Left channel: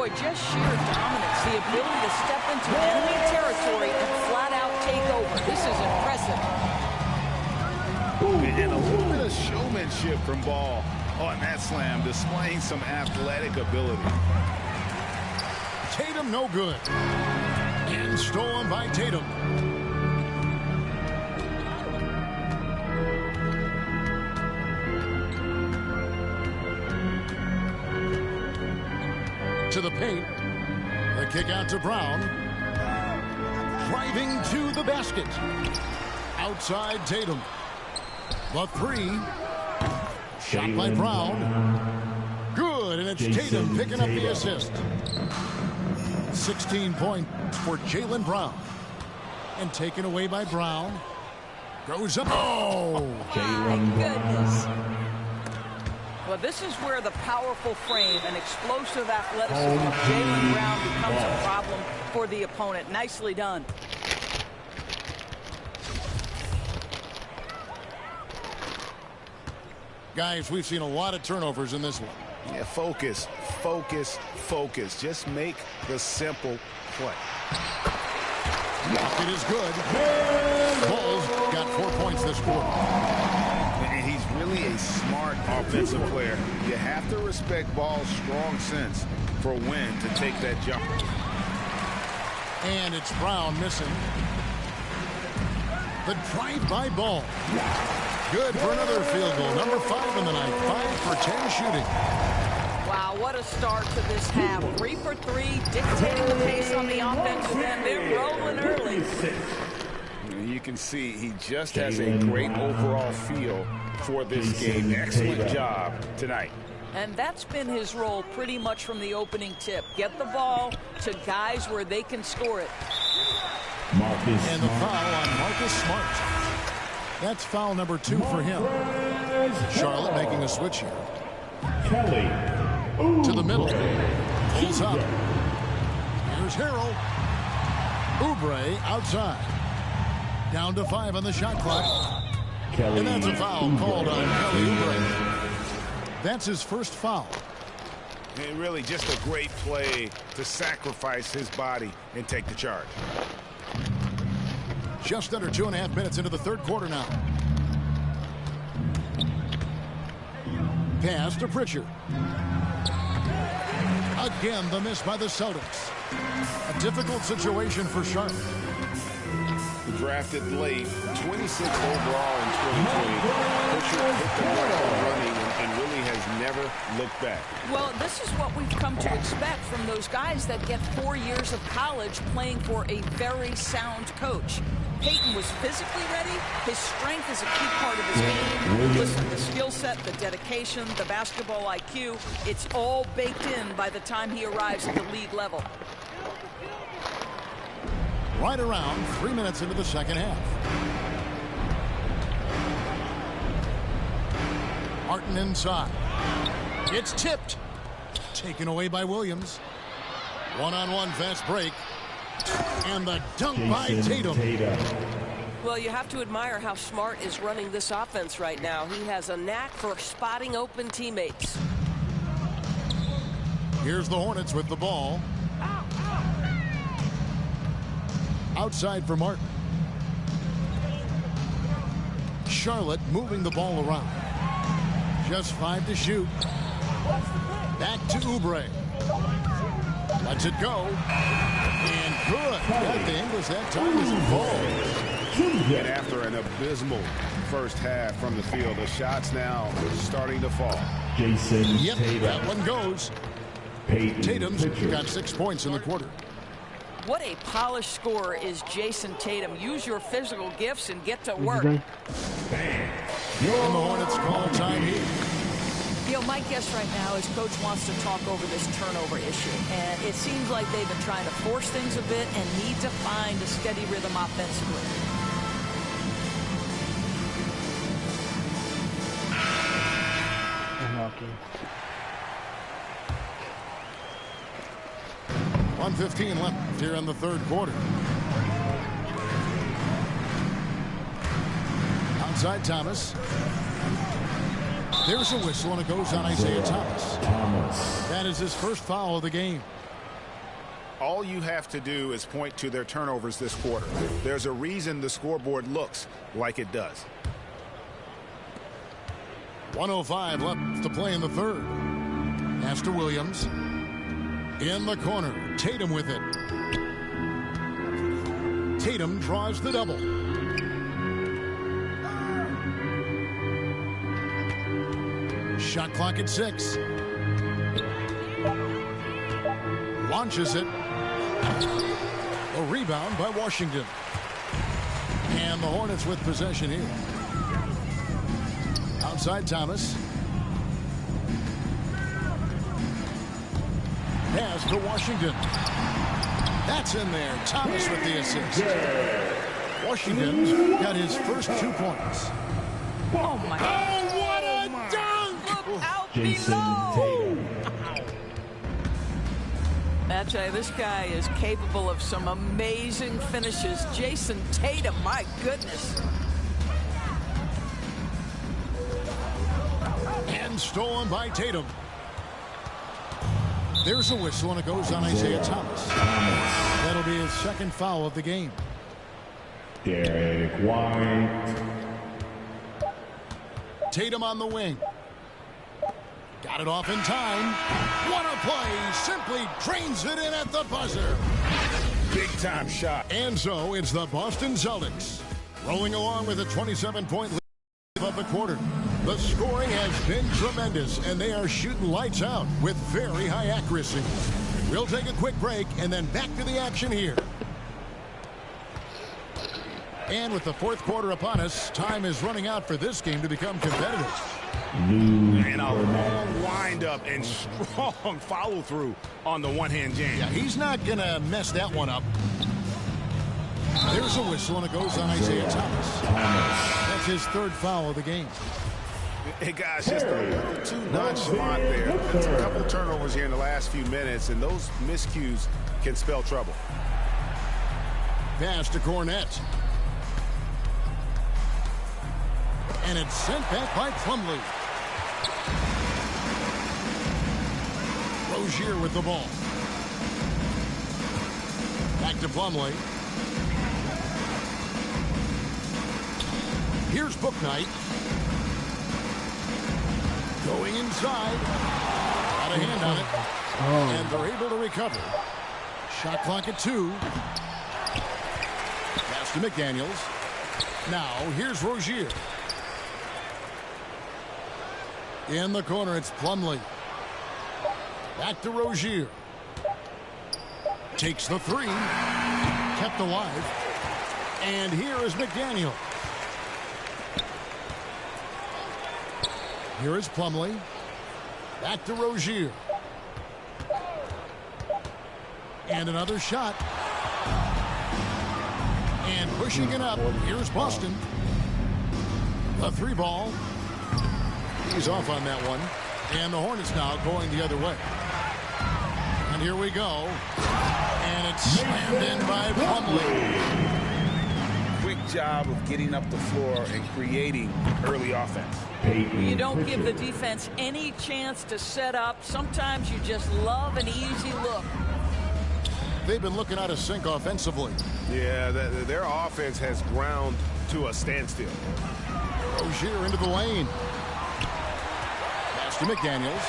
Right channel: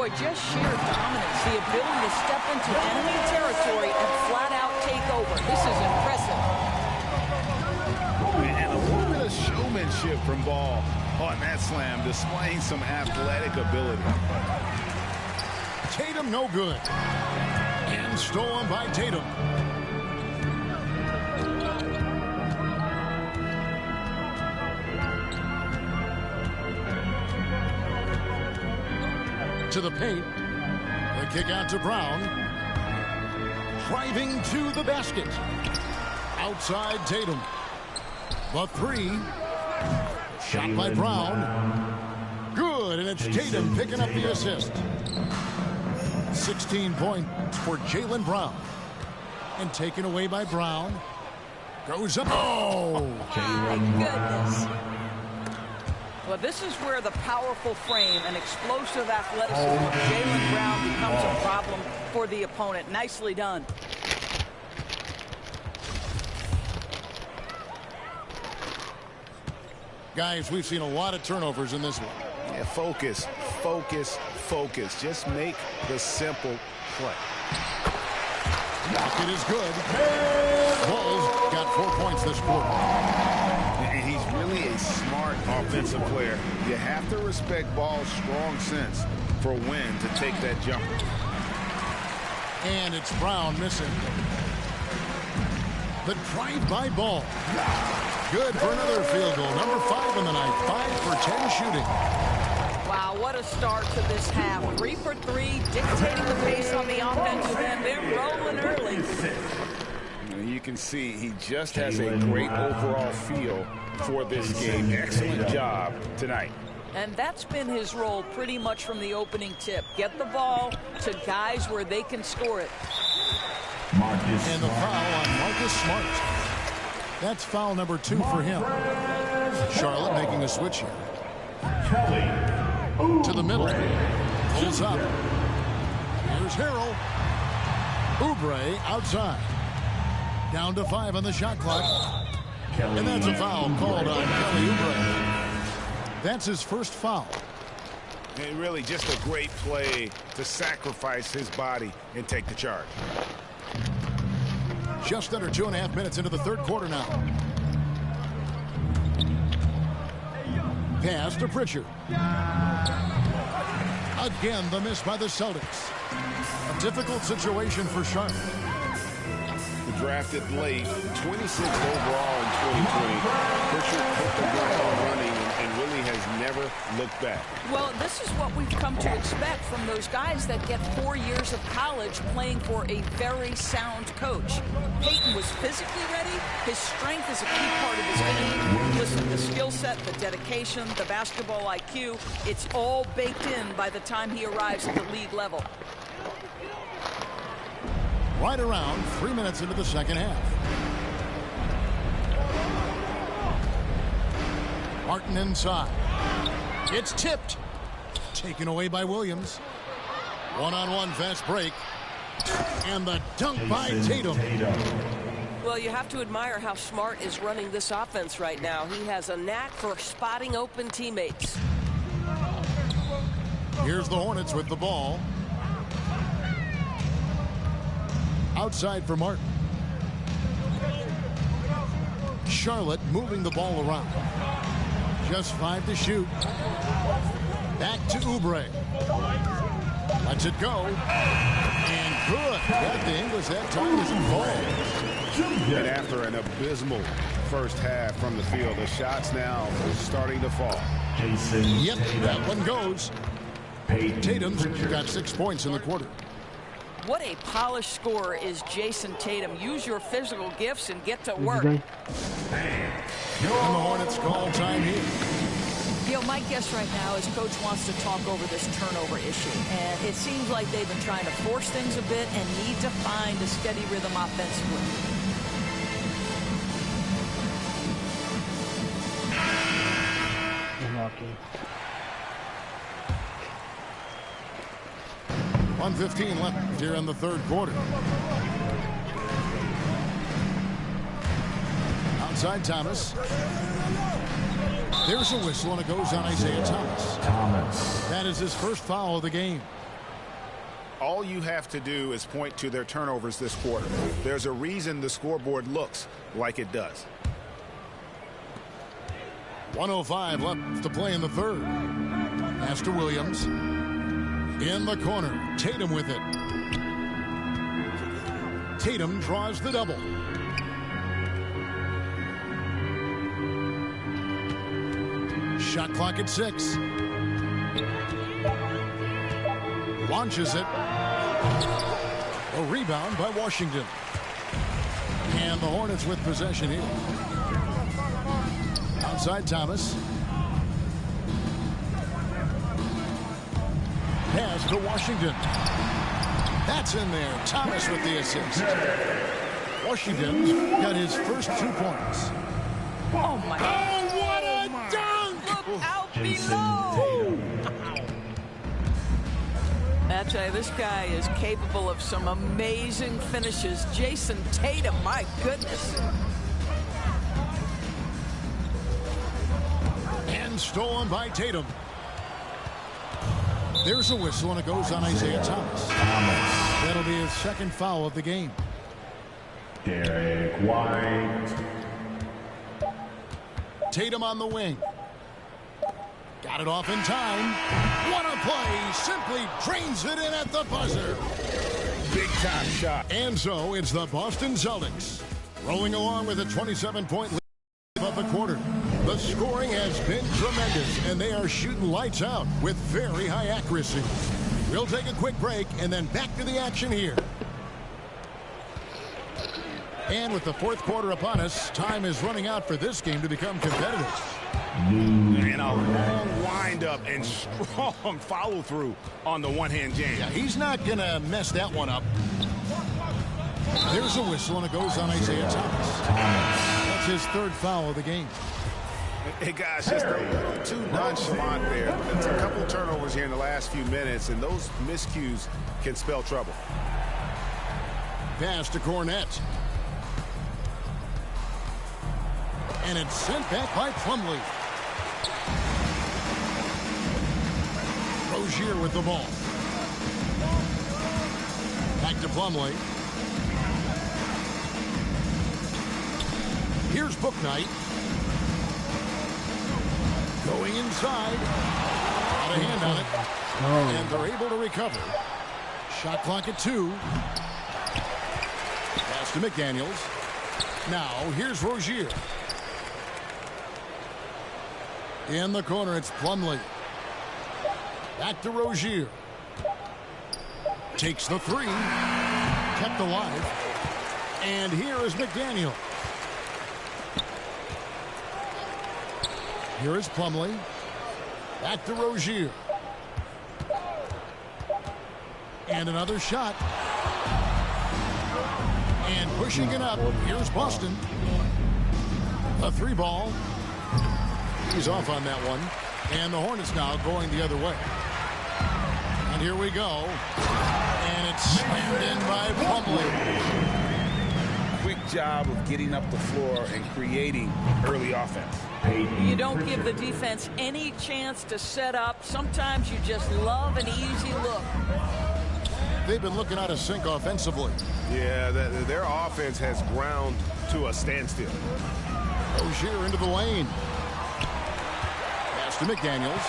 Boy, just sheer dominance, the ability to step into enemy territory and flat out take over. This is impressive. And a little bit of showmanship from Ball on that slam, displaying some athletic ability. Tatum no good. And stolen by Tatum. To the paint. The kick out to Brown. Driving to the basket. Outside Tatum. The three. Shot by Brown. Good, and it's Tatum picking up the assist. 16 points for Jaylen Brown. And taken away by Brown. Goes up. Oh! My goodness. Well, this is where the powerful frame and explosive athleticism of Jaylen Brown becomes a problem for the opponent. Nicely done. Guys, we've seen a lot of turnovers in this one. Yeah, focus, focus, focus. Just make the simple play. Bucket is good. Ball's got 4 points this quarter. And he's really a smart offensive player. You have to respect Ball's strong sense for when to take that jumper. And it's Brown missing. The drive by Ball. Good for another field goal. Number 5 in the night. 5 for 10 shooting. Wow, what a start to this half. 3 for 3, dictating the pace on the offensive end. They're rolling early. You can see he just has a great overall feel for this game. Excellent job tonight. And that's been his role pretty much from the opening tip. Get the ball to guys where they can score it. And the foul on Marcus Smart. That's foul number 2 for him. Charlotte making a switch here. To the middle. Pulls up. Here's Harrell. Oubre outside. Down to 5 on the shot clock. And that's a foul called on Kelly Oubre. That's his first foul. And really just a great play to sacrifice his body and take the charge. Just under 2.5 minutes into the third quarter now. Pass to Pritchard. Again, the miss by the Celtics. A difficult situation for Charlotte. Drafted late, 26th overall in 2020. Pritchard hit the ground running and really has never looked back. Well, this is what we've come to expect from those guys that get 4 years of college playing for a very sound coach. Peyton was physically ready. His strength is a key part of his game. Listen, the skill set, the dedication, the basketball IQ, it's all baked in by the time he arrives at the league level. Right around 3 minutes into the second half. Martin inside. It's tipped. Taken away by Williams. One-on-one fast break. And the dunk by Tatum. Well, you have to admire how Smart is running this offense right now. He has a knack for spotting open teammates. Here's the Hornets with the ball. Outside for Martin. Charlotte moving the ball around. Just 5 to shoot. Back to Oubre. Lets it go. And good. Got the English that time as it falls. And after an abysmal first half from the field, the shots now starting to fall. Yep, that one goes. Tatum's got 6 points in the quarter. What a polished scorer is Jason Tatum. Use your physical gifts and get to work. And the Hornets call time here. You know, my guess right now is Coach wants to talk over this turnover issue. And it seems like they've been trying to force things a bit and need to find a steady rhythm offensively. Unlucky. 1:15 left here in the third quarter. Outside Thomas. There's a whistle, and it goes on Isaiah Thomas. That is his first foul of the game. all you have to do is point to their turnovers this quarter. There's a reason the scoreboard looks like it does. 1:05 left to play in the third. Pass to Williams. In the corner, Tatum with it. Tatum draws the double. Shot clock at 6. Launches it. A rebound by Washington. And the Hornets with possession here. Outside Thomas. Pass to Washington. That's in there. Thomas with the assist. Washington's got his first 2 points. Oh, my God. Oh, what a dunk! Look out below. I tell you, this guy is capable of some amazing finishes. Jason Tatum, my goodness. And stolen by Tatum. There's a whistle, and it goes on Isaiah Thomas. That'll be his second foul of the game. Derek White. Tatum on the wing. Got it off in time. What a play. Simply drains it in at the buzzer. Big time shot. And so it's the Boston Celtics rolling along with a 27-point lead of the quarter. The scoring has been tremendous, and they are shooting lights out with very high accuracy. We'll take a quick break and then back to the action here. And with the fourth quarter upon us, time is running out for this game to become competitive. And a long windup and strong follow through on the one-hand jam. Yeah, he's not going to mess that one up. There's a whistle, and it goes on Isaiah Thomas. That's his third foul of the game. Hey, guys, just a little too nonchalant there. That's a couple turnovers here in the last few minutes, and those miscues can spell trouble. Pass to Cornette. And it's sent back by Plumlee. Rozier with the ball. Back to Plumlee. Here's Bouknight. Going inside. Got a hand on it. And they're able to recover. Shot clock at 2. Pass to McDaniels. Now here's Rozier. In the corner, it's Plumlee. Back to Rozier. Takes the 3. Kept alive. And here is McDaniel. Here is Plumlee. Back to Rozier. And another shot. And pushing it up. Here's Boston. The 3 ball. He's off on that one. And the Hornets now going the other way. And here we go. And it's slammed in by Plumlee. Quick job of getting up the floor and creating early offense. You don't give the defense any chance to set up. Sometimes you just love an easy look. They've been looking out of sync offensively. Yeah, their offense has ground to a standstill. Rozier into the lane. Pass to McDaniels.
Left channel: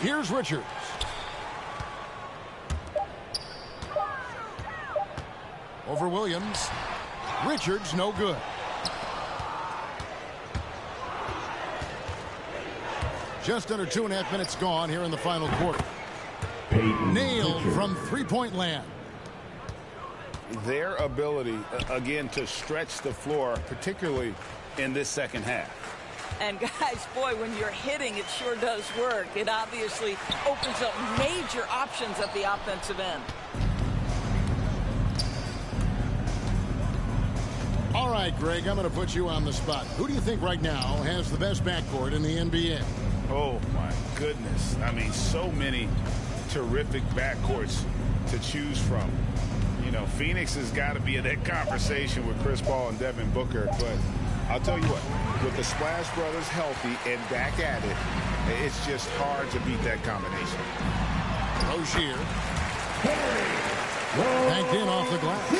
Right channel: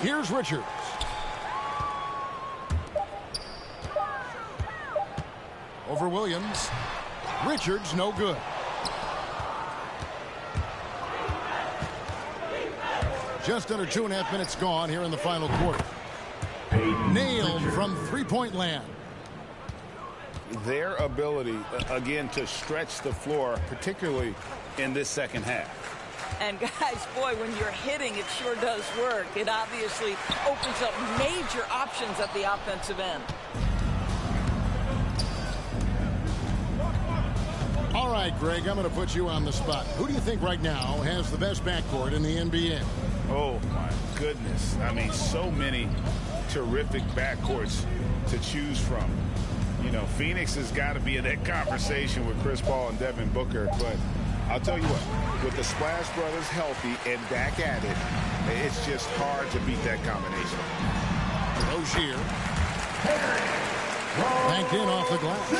Here's Richards. Over Williams. Richards no good. Just under 2.5 minutes gone here in the final quarter. Nailed from three-point land. Their ability, again, to stretch the floor, particularly in this second half. And guys, boy, when you're hitting, it sure does work. It obviously opens up major options at the offensive end. All right, Greg, I'm going to put you on the spot. Who do you think right now has the best backcourt in the NBA? Oh, my goodness. I mean, so many terrific backcourts to choose from. You know, Phoenix has got to be in that conversation with Chris Paul and Devin Booker. But I'll tell you what, With the Splash Brothers healthy and Dak at it, it's just hard to beat that combination. Rozier. Banked in off the glass.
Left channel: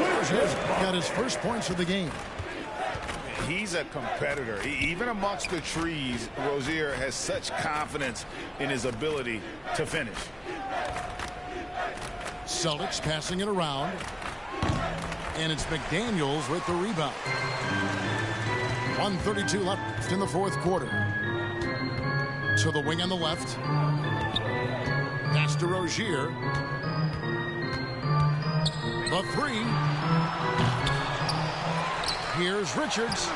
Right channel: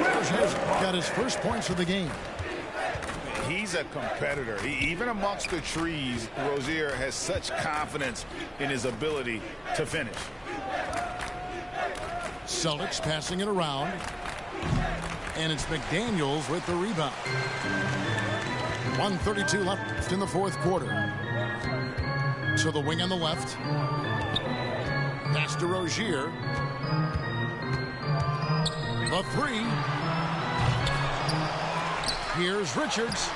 Rozier's got his first points of the game. He's a competitor. Even amongst the trees, Rozier has such confidence in his ability to finish. Celtics passing it around. And it's McDaniels with the rebound. 1:32 left in the fourth quarter. To the wing on the left. Pass to Rozier. The three. Here's Richards.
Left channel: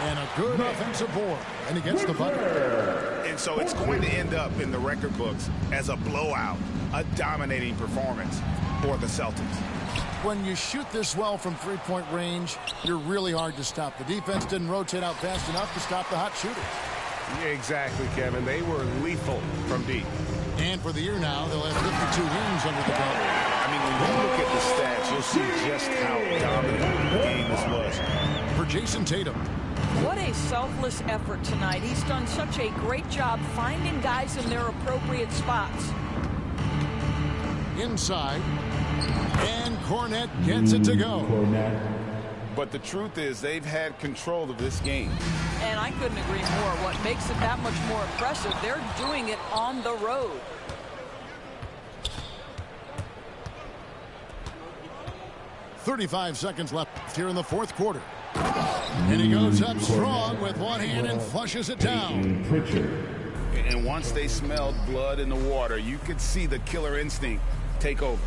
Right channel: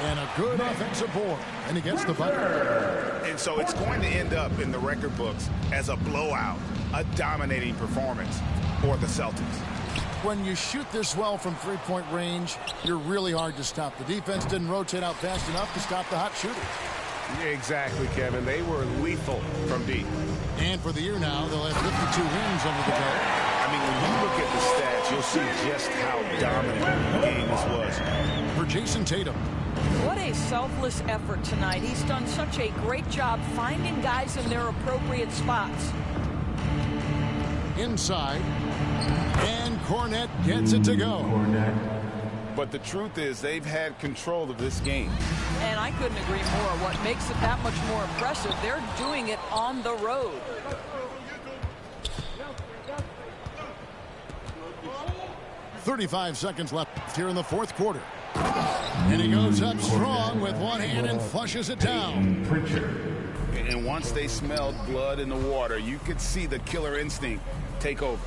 And a good offensive board. And he gets the bucket. And so it's going to end up in the record books as a blowout, a dominating performance for the Celtics. When you shoot this well from three-point range, you're really hard to stop. The defense didn't rotate out fast enough to stop the hot shooters. Yeah, exactly, Kevin. They were lethal from deep. And for the year now, they'll have 52 wins under the belt. I mean, when you look at the stats, you'll see just how dominant a game this was. For Jason Tatum. What a selfless effort tonight. He's done such a great job finding guys in their appropriate spots. Inside. And Cornette gets it to go. But the truth is, they've had control of this game. And I couldn't agree more. What makes it that much more impressive, they're doing it on the road. .35 seconds left here in the fourth quarter. And he goes up strong with one hand and flushes it down. And once they smelled blood in the water, you could see the killer instinct take over.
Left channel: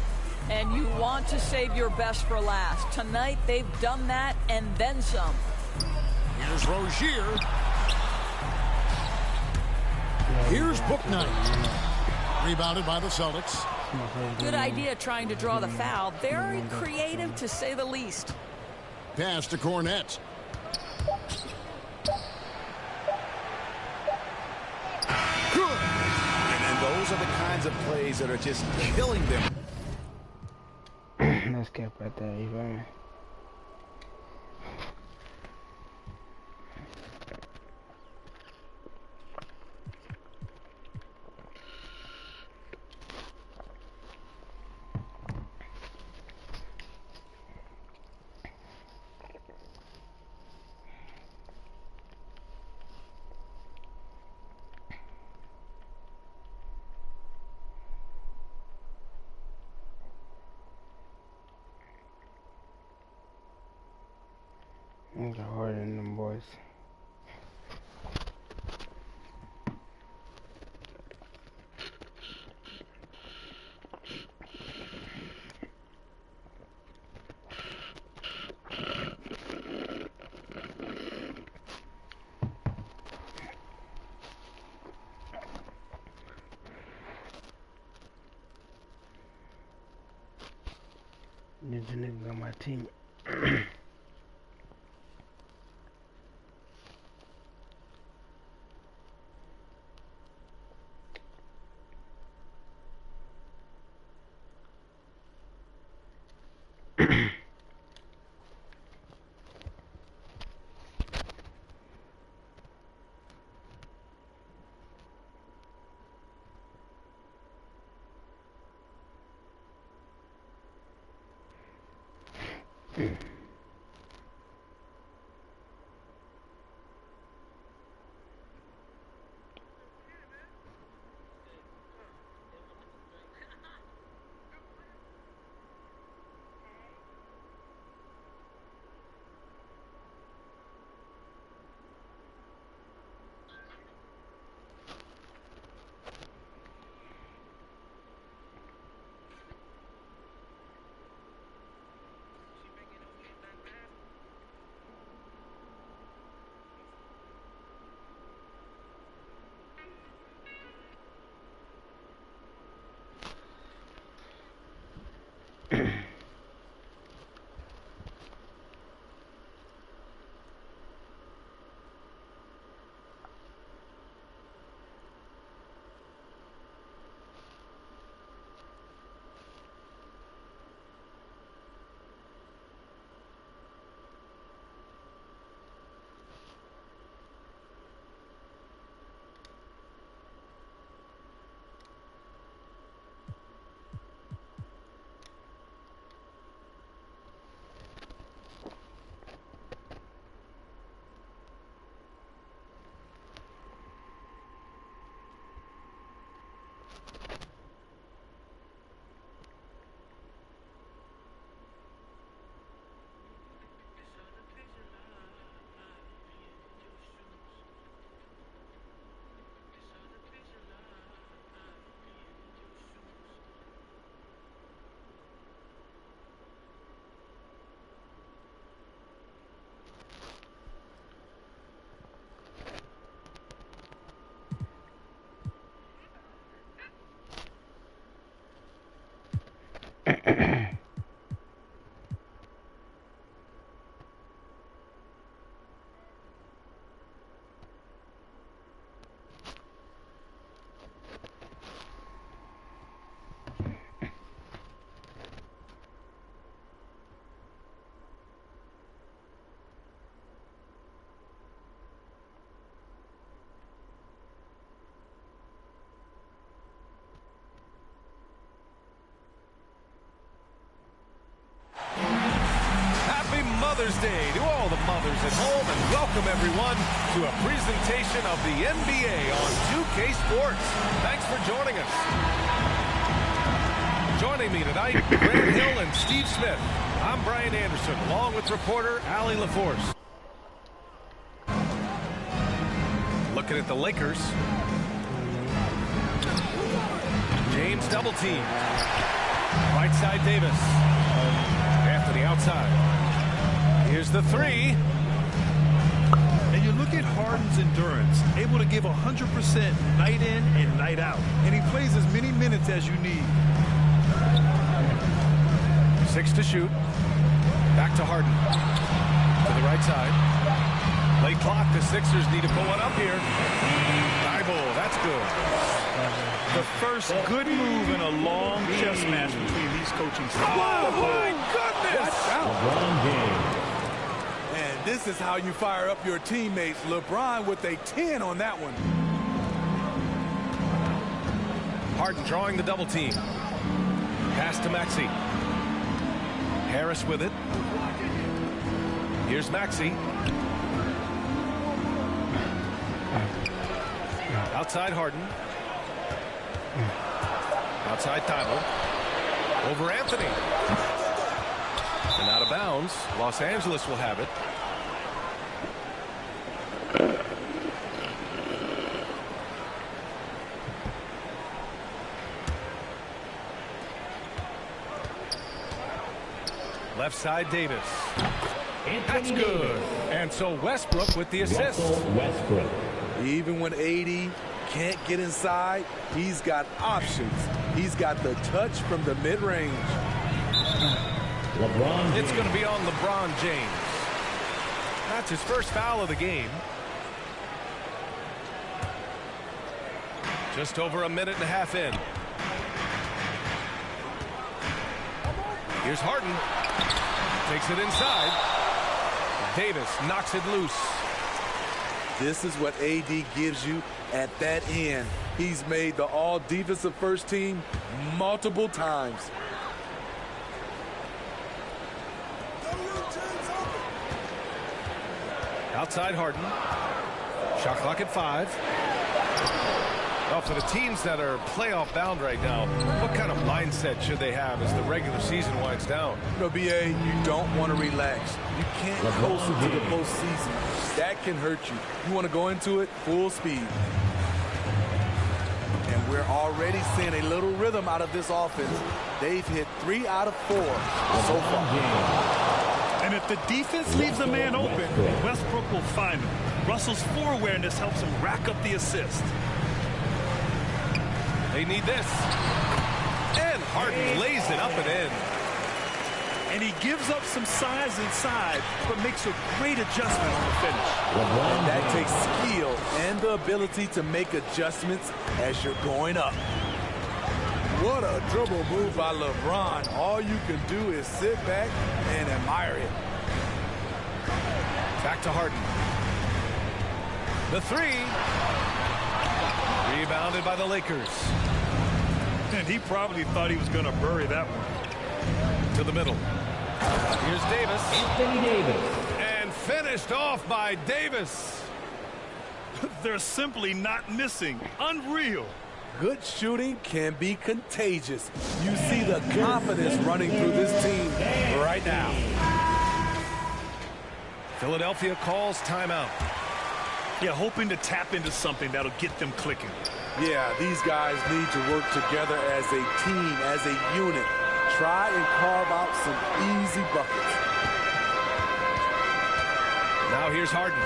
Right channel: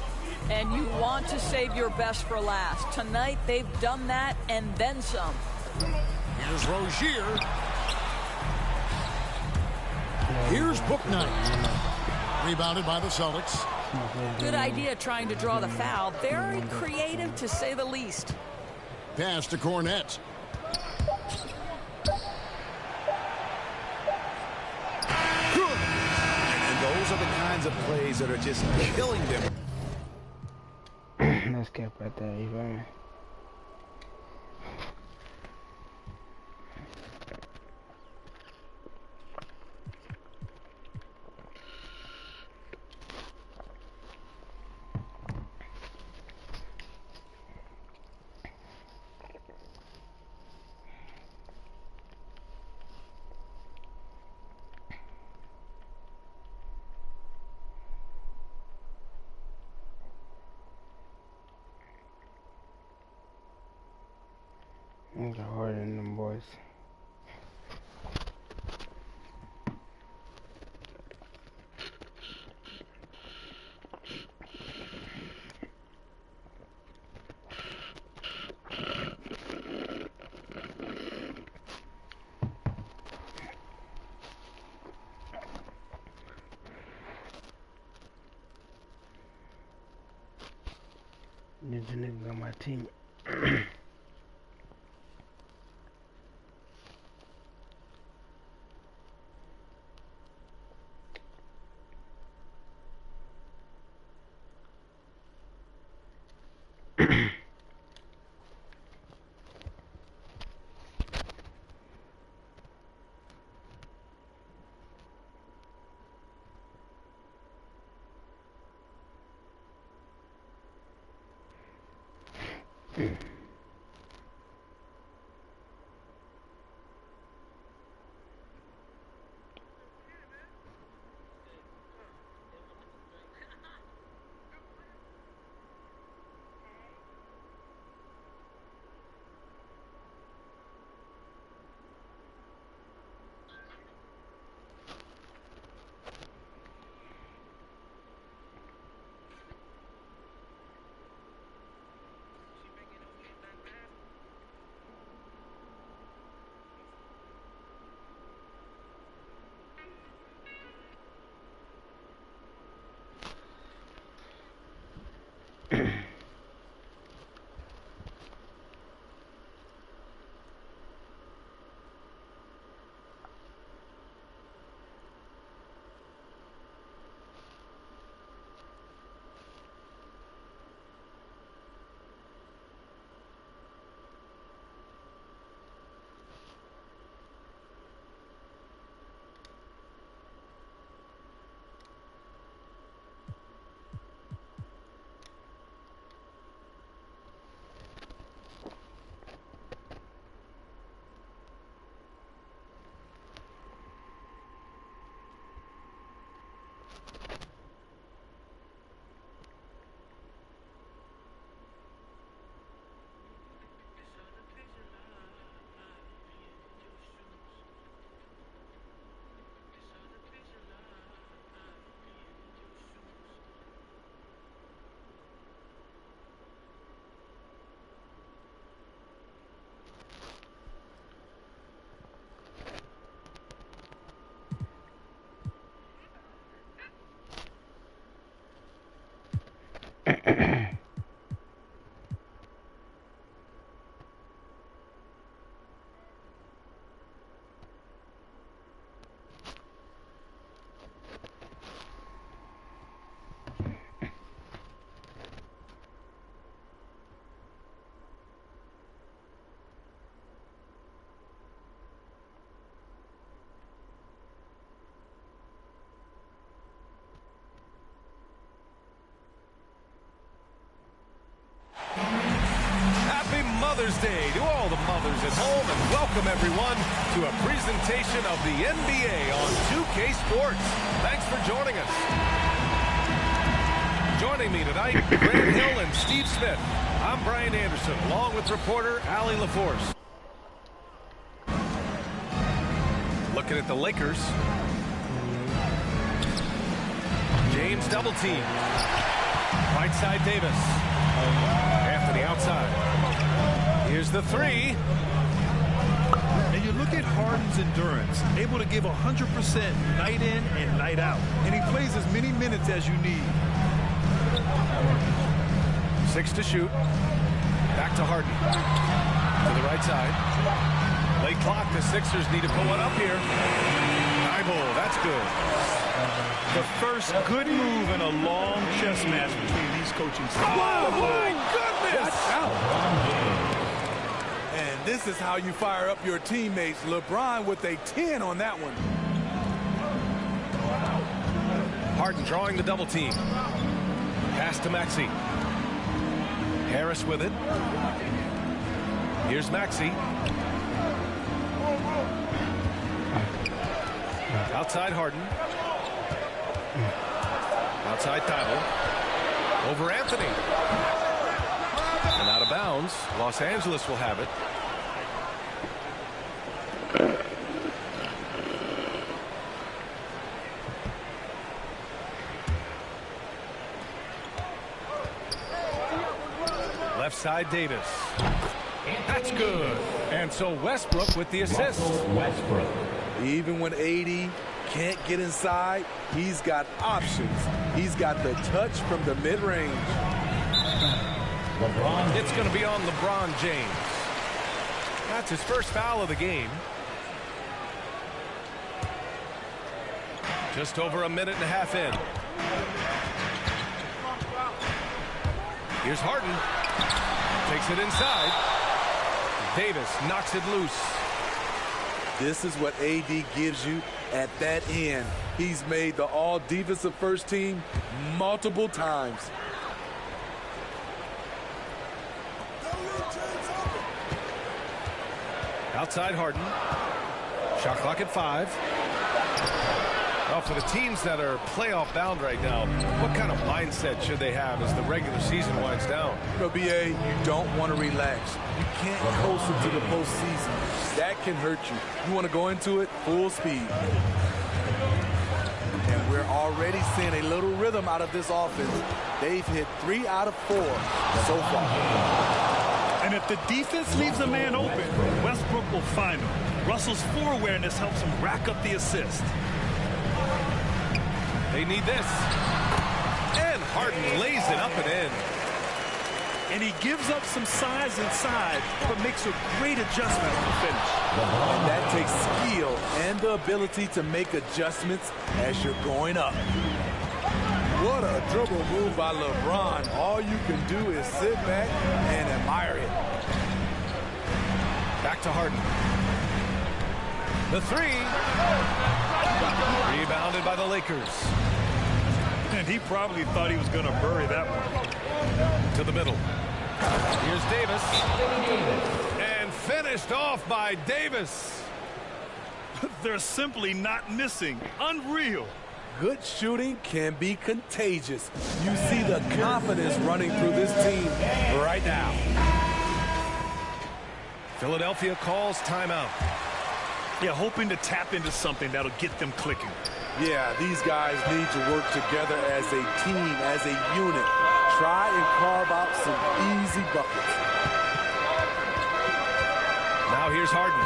And you want to save your best for last. Tonight, they've done that and then some. Here's Rozier. Here's Bouknight. Rebounded by the Celtics. Good idea trying to draw the foul. Very creative, to say the least. Pass to Cornette. Good. And those are the kinds of plays that are just killing them. Let's get right there, you feel me? I got harder than them boys. There's a nigga on my team. Day to all the mothers at home, and welcome everyone to a presentation of the NBA on 2K Sports. Thanks for joining us. Joining me tonight, Grant Hill and Steve Smith. I'm Brian Anderson, along with reporter Allie LaForce. Looking at the Lakers. James double team. Right side Davis. Anthony outside. Here's the three. And you look at Harden's endurance, able to give 100% night in and night out. And he plays as many minutes as you need. 6 to shoot. Back to Harden. To the right side. Late clock. The Sixers need to put one up here. Thibault, that's good. The first good move in a long chess match between these coaching styles. Oh, my goodness! Watch out. LeBron James. And this is how you fire up your teammates. LeBron with a 10 on that one. Harden drawing the double team. Pass to Maxey. Harris with it. Here's Maxey. Outside Harden. Outside Thibault. Over Anthony. And out of bounds. Los Angeles will have it. Left side Davis. That's good. And so Westbrook with the assist. Westbrook. Even when AD can't get inside, he's got options. He's got the touch from the mid-range. LeBron. It's going to be on LeBron James. That's his first foul of the game. Just over a minute and a half in. Here's Harden. Takes it inside. Davis knocks it loose. This is what AD gives you at that end. He's made the all-defensive first team multiple times. Outside Harden. Shot clock at 5. Well, for the teams that are playoff bound right now, what kind of mindset should they have as the regular season winds down? You know, BA, you don't want to relax. You can't coast into the postseason. That can hurt you. You want to go into it full speed. And we're already seeing a little rhythm out of this offense. They've hit 3 out of 4 so far. And if the defense leaves a man open, Westbrook will find him. Russell's floor awareness helps him rack up the assist. They need this. And Harden lays it up and in. And he gives up some size inside, but makes a great adjustment on the finish. And that takes skill and the ability to make adjustments as you're going up. What a dribble move by LeBron. All you can do is sit back and admire it. Back to Harden. The three. Rebounded by the Lakers. And he probably thought he was going to bury that one. To the middle. Here's Davis. Anthony Davis. And finished off by Davis. They're simply not missing. Unreal. Good shooting can be contagious. You see the confidence running through this team right now. Philadelphia calls timeout. Yeah, hoping to tap into something that'll get them clicking. Yeah, these guys need to work together as a team, as a unit. Try and carve out some easy buckets. Now here's Harden.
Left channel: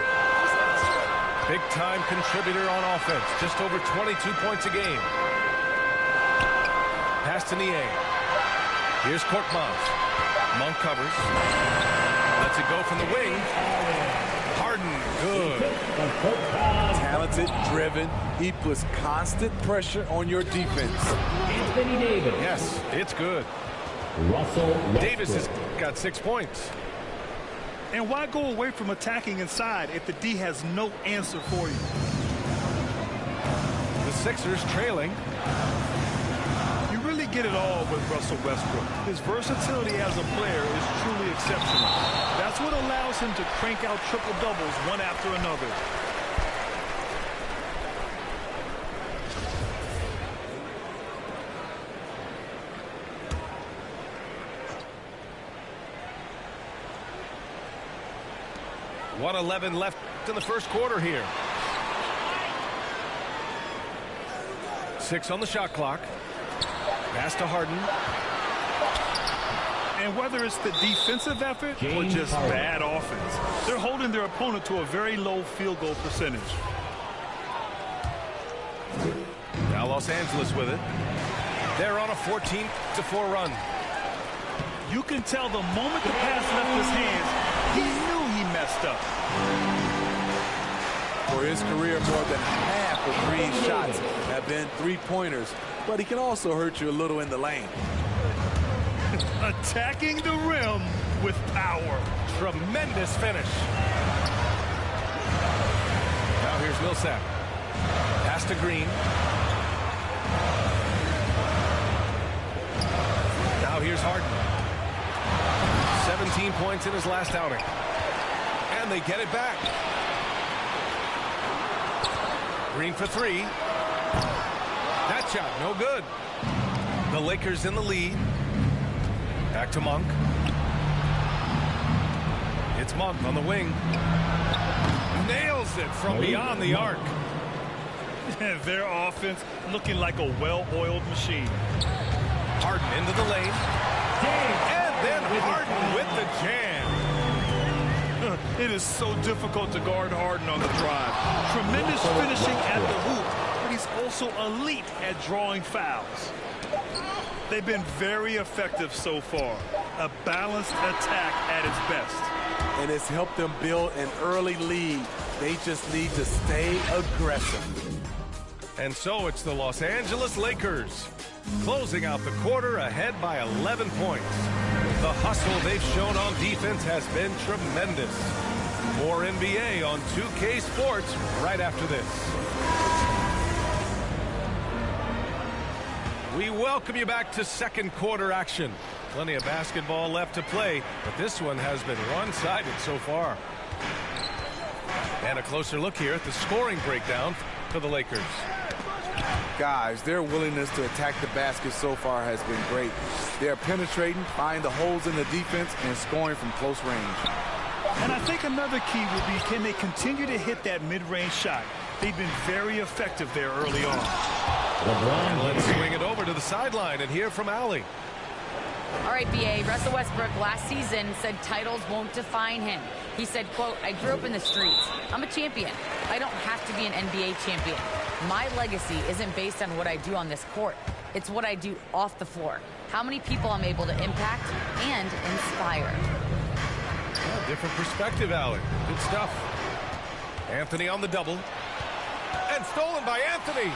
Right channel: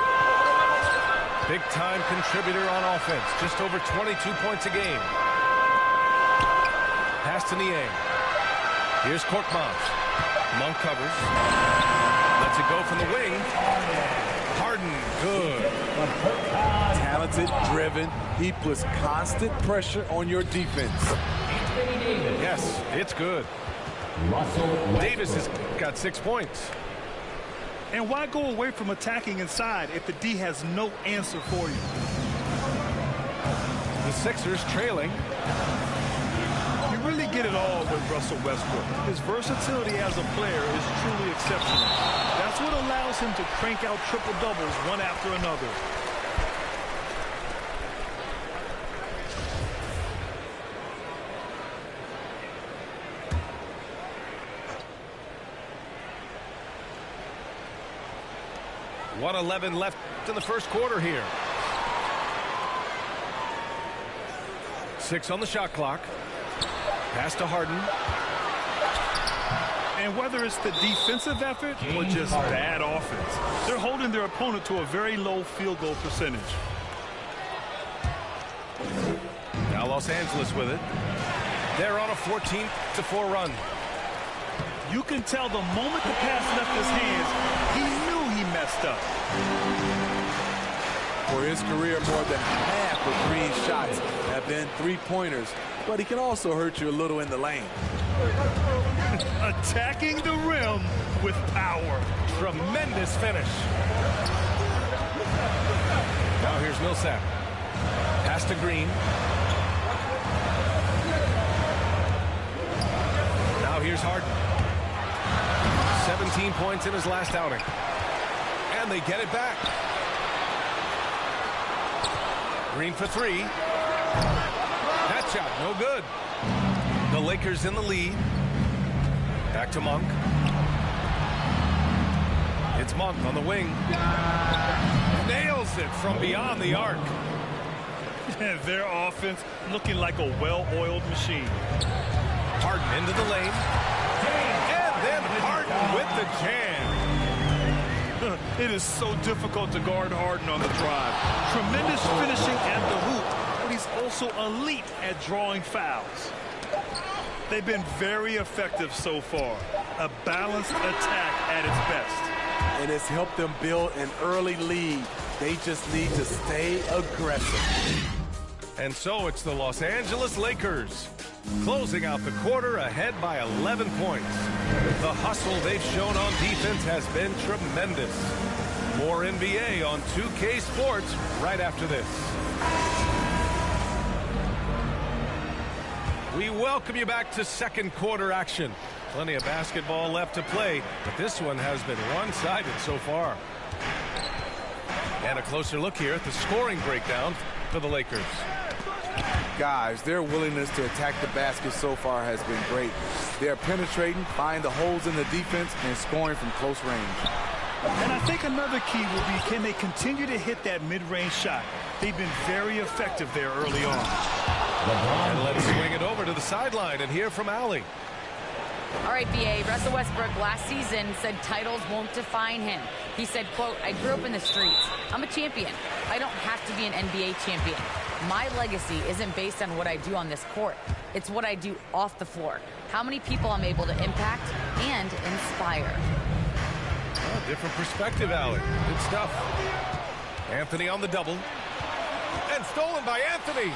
Big-time contributor on offense. Just over 22 points a game. Pass to Niang. Here's Korkmaz. Monk covers. Lets it go from the wing. Harden, good. Talented, driven. He puts constant pressure on your defense. Anthony Davis. Yes, it's good. Russell Westbrook. Davis has got 6 points. And why go away from attacking inside if the D has no answer for you? The Sixers trailing. You really get it all with Russell Westbrook. His versatility as a player is truly exceptional. That's what allows him to crank out triple-doubles one after another. .11 left in the first quarter here. 6 on the shot clock. Pass to Harden. And whether it's the defensive effort or just bad offense, they're holding their opponent to a very low field goal percentage. Now Los Angeles with it. They're on a 14-4 run. You can tell the moment the pass left his hands, he knew he messed up. For his career, more than half of Green's shots have been three-pointers, but he can also hurt you a little in the lane. Attacking the rim with power. Tremendous finish. Now here's Millsap. Pass to Green. Now here's Harden. 17 points in his last outing. And they get it back. Green for 3. That shot, no good. The Lakers in the lead. Back to Monk. It's Monk on the wing. Nails it from beyond the arc. Their offense looking like a well-oiled machine. Harden into the lane. And then Harden with the jam. It is so difficult to guard Harden on the drive. Tremendous finishing at the hoop, but he's also elite at drawing fouls. They've been very effective so far. A balanced attack at its best. And it's helped them build an early lead. They just need to stay aggressive. And so it's the Los Angeles Lakers closing out the quarter ahead by 11 points. The hustle they've shown on defense has been tremendous. More NBA on 2K Sports right after this. We welcome you back to second quarter action. Plenty of basketball left to play, but this one has been one-sided so far. And a closer look here at the scoring breakdown for the Lakers. Guys, their willingness to attack the basket so far has been great. They're penetrating, finding the holes in the defense, and scoring from close range. And I think another key will be, can they continue to hit that mid-range shot? They've been very effective there early on. And let's swing it over to the sideline and hear from Allie. All right, BA, Russell Westbrook last season said titles won't define him. He said, quote, I grew up in the streets. I'm a champion. I don't have to be an NBA champion. My legacy isn't based on what I do on this court. It's what I do off the floor. How many people I'm able to impact and inspire. Oh, different perspective, Allie. Good stuff. Anthony on the double. And stolen by Anthony.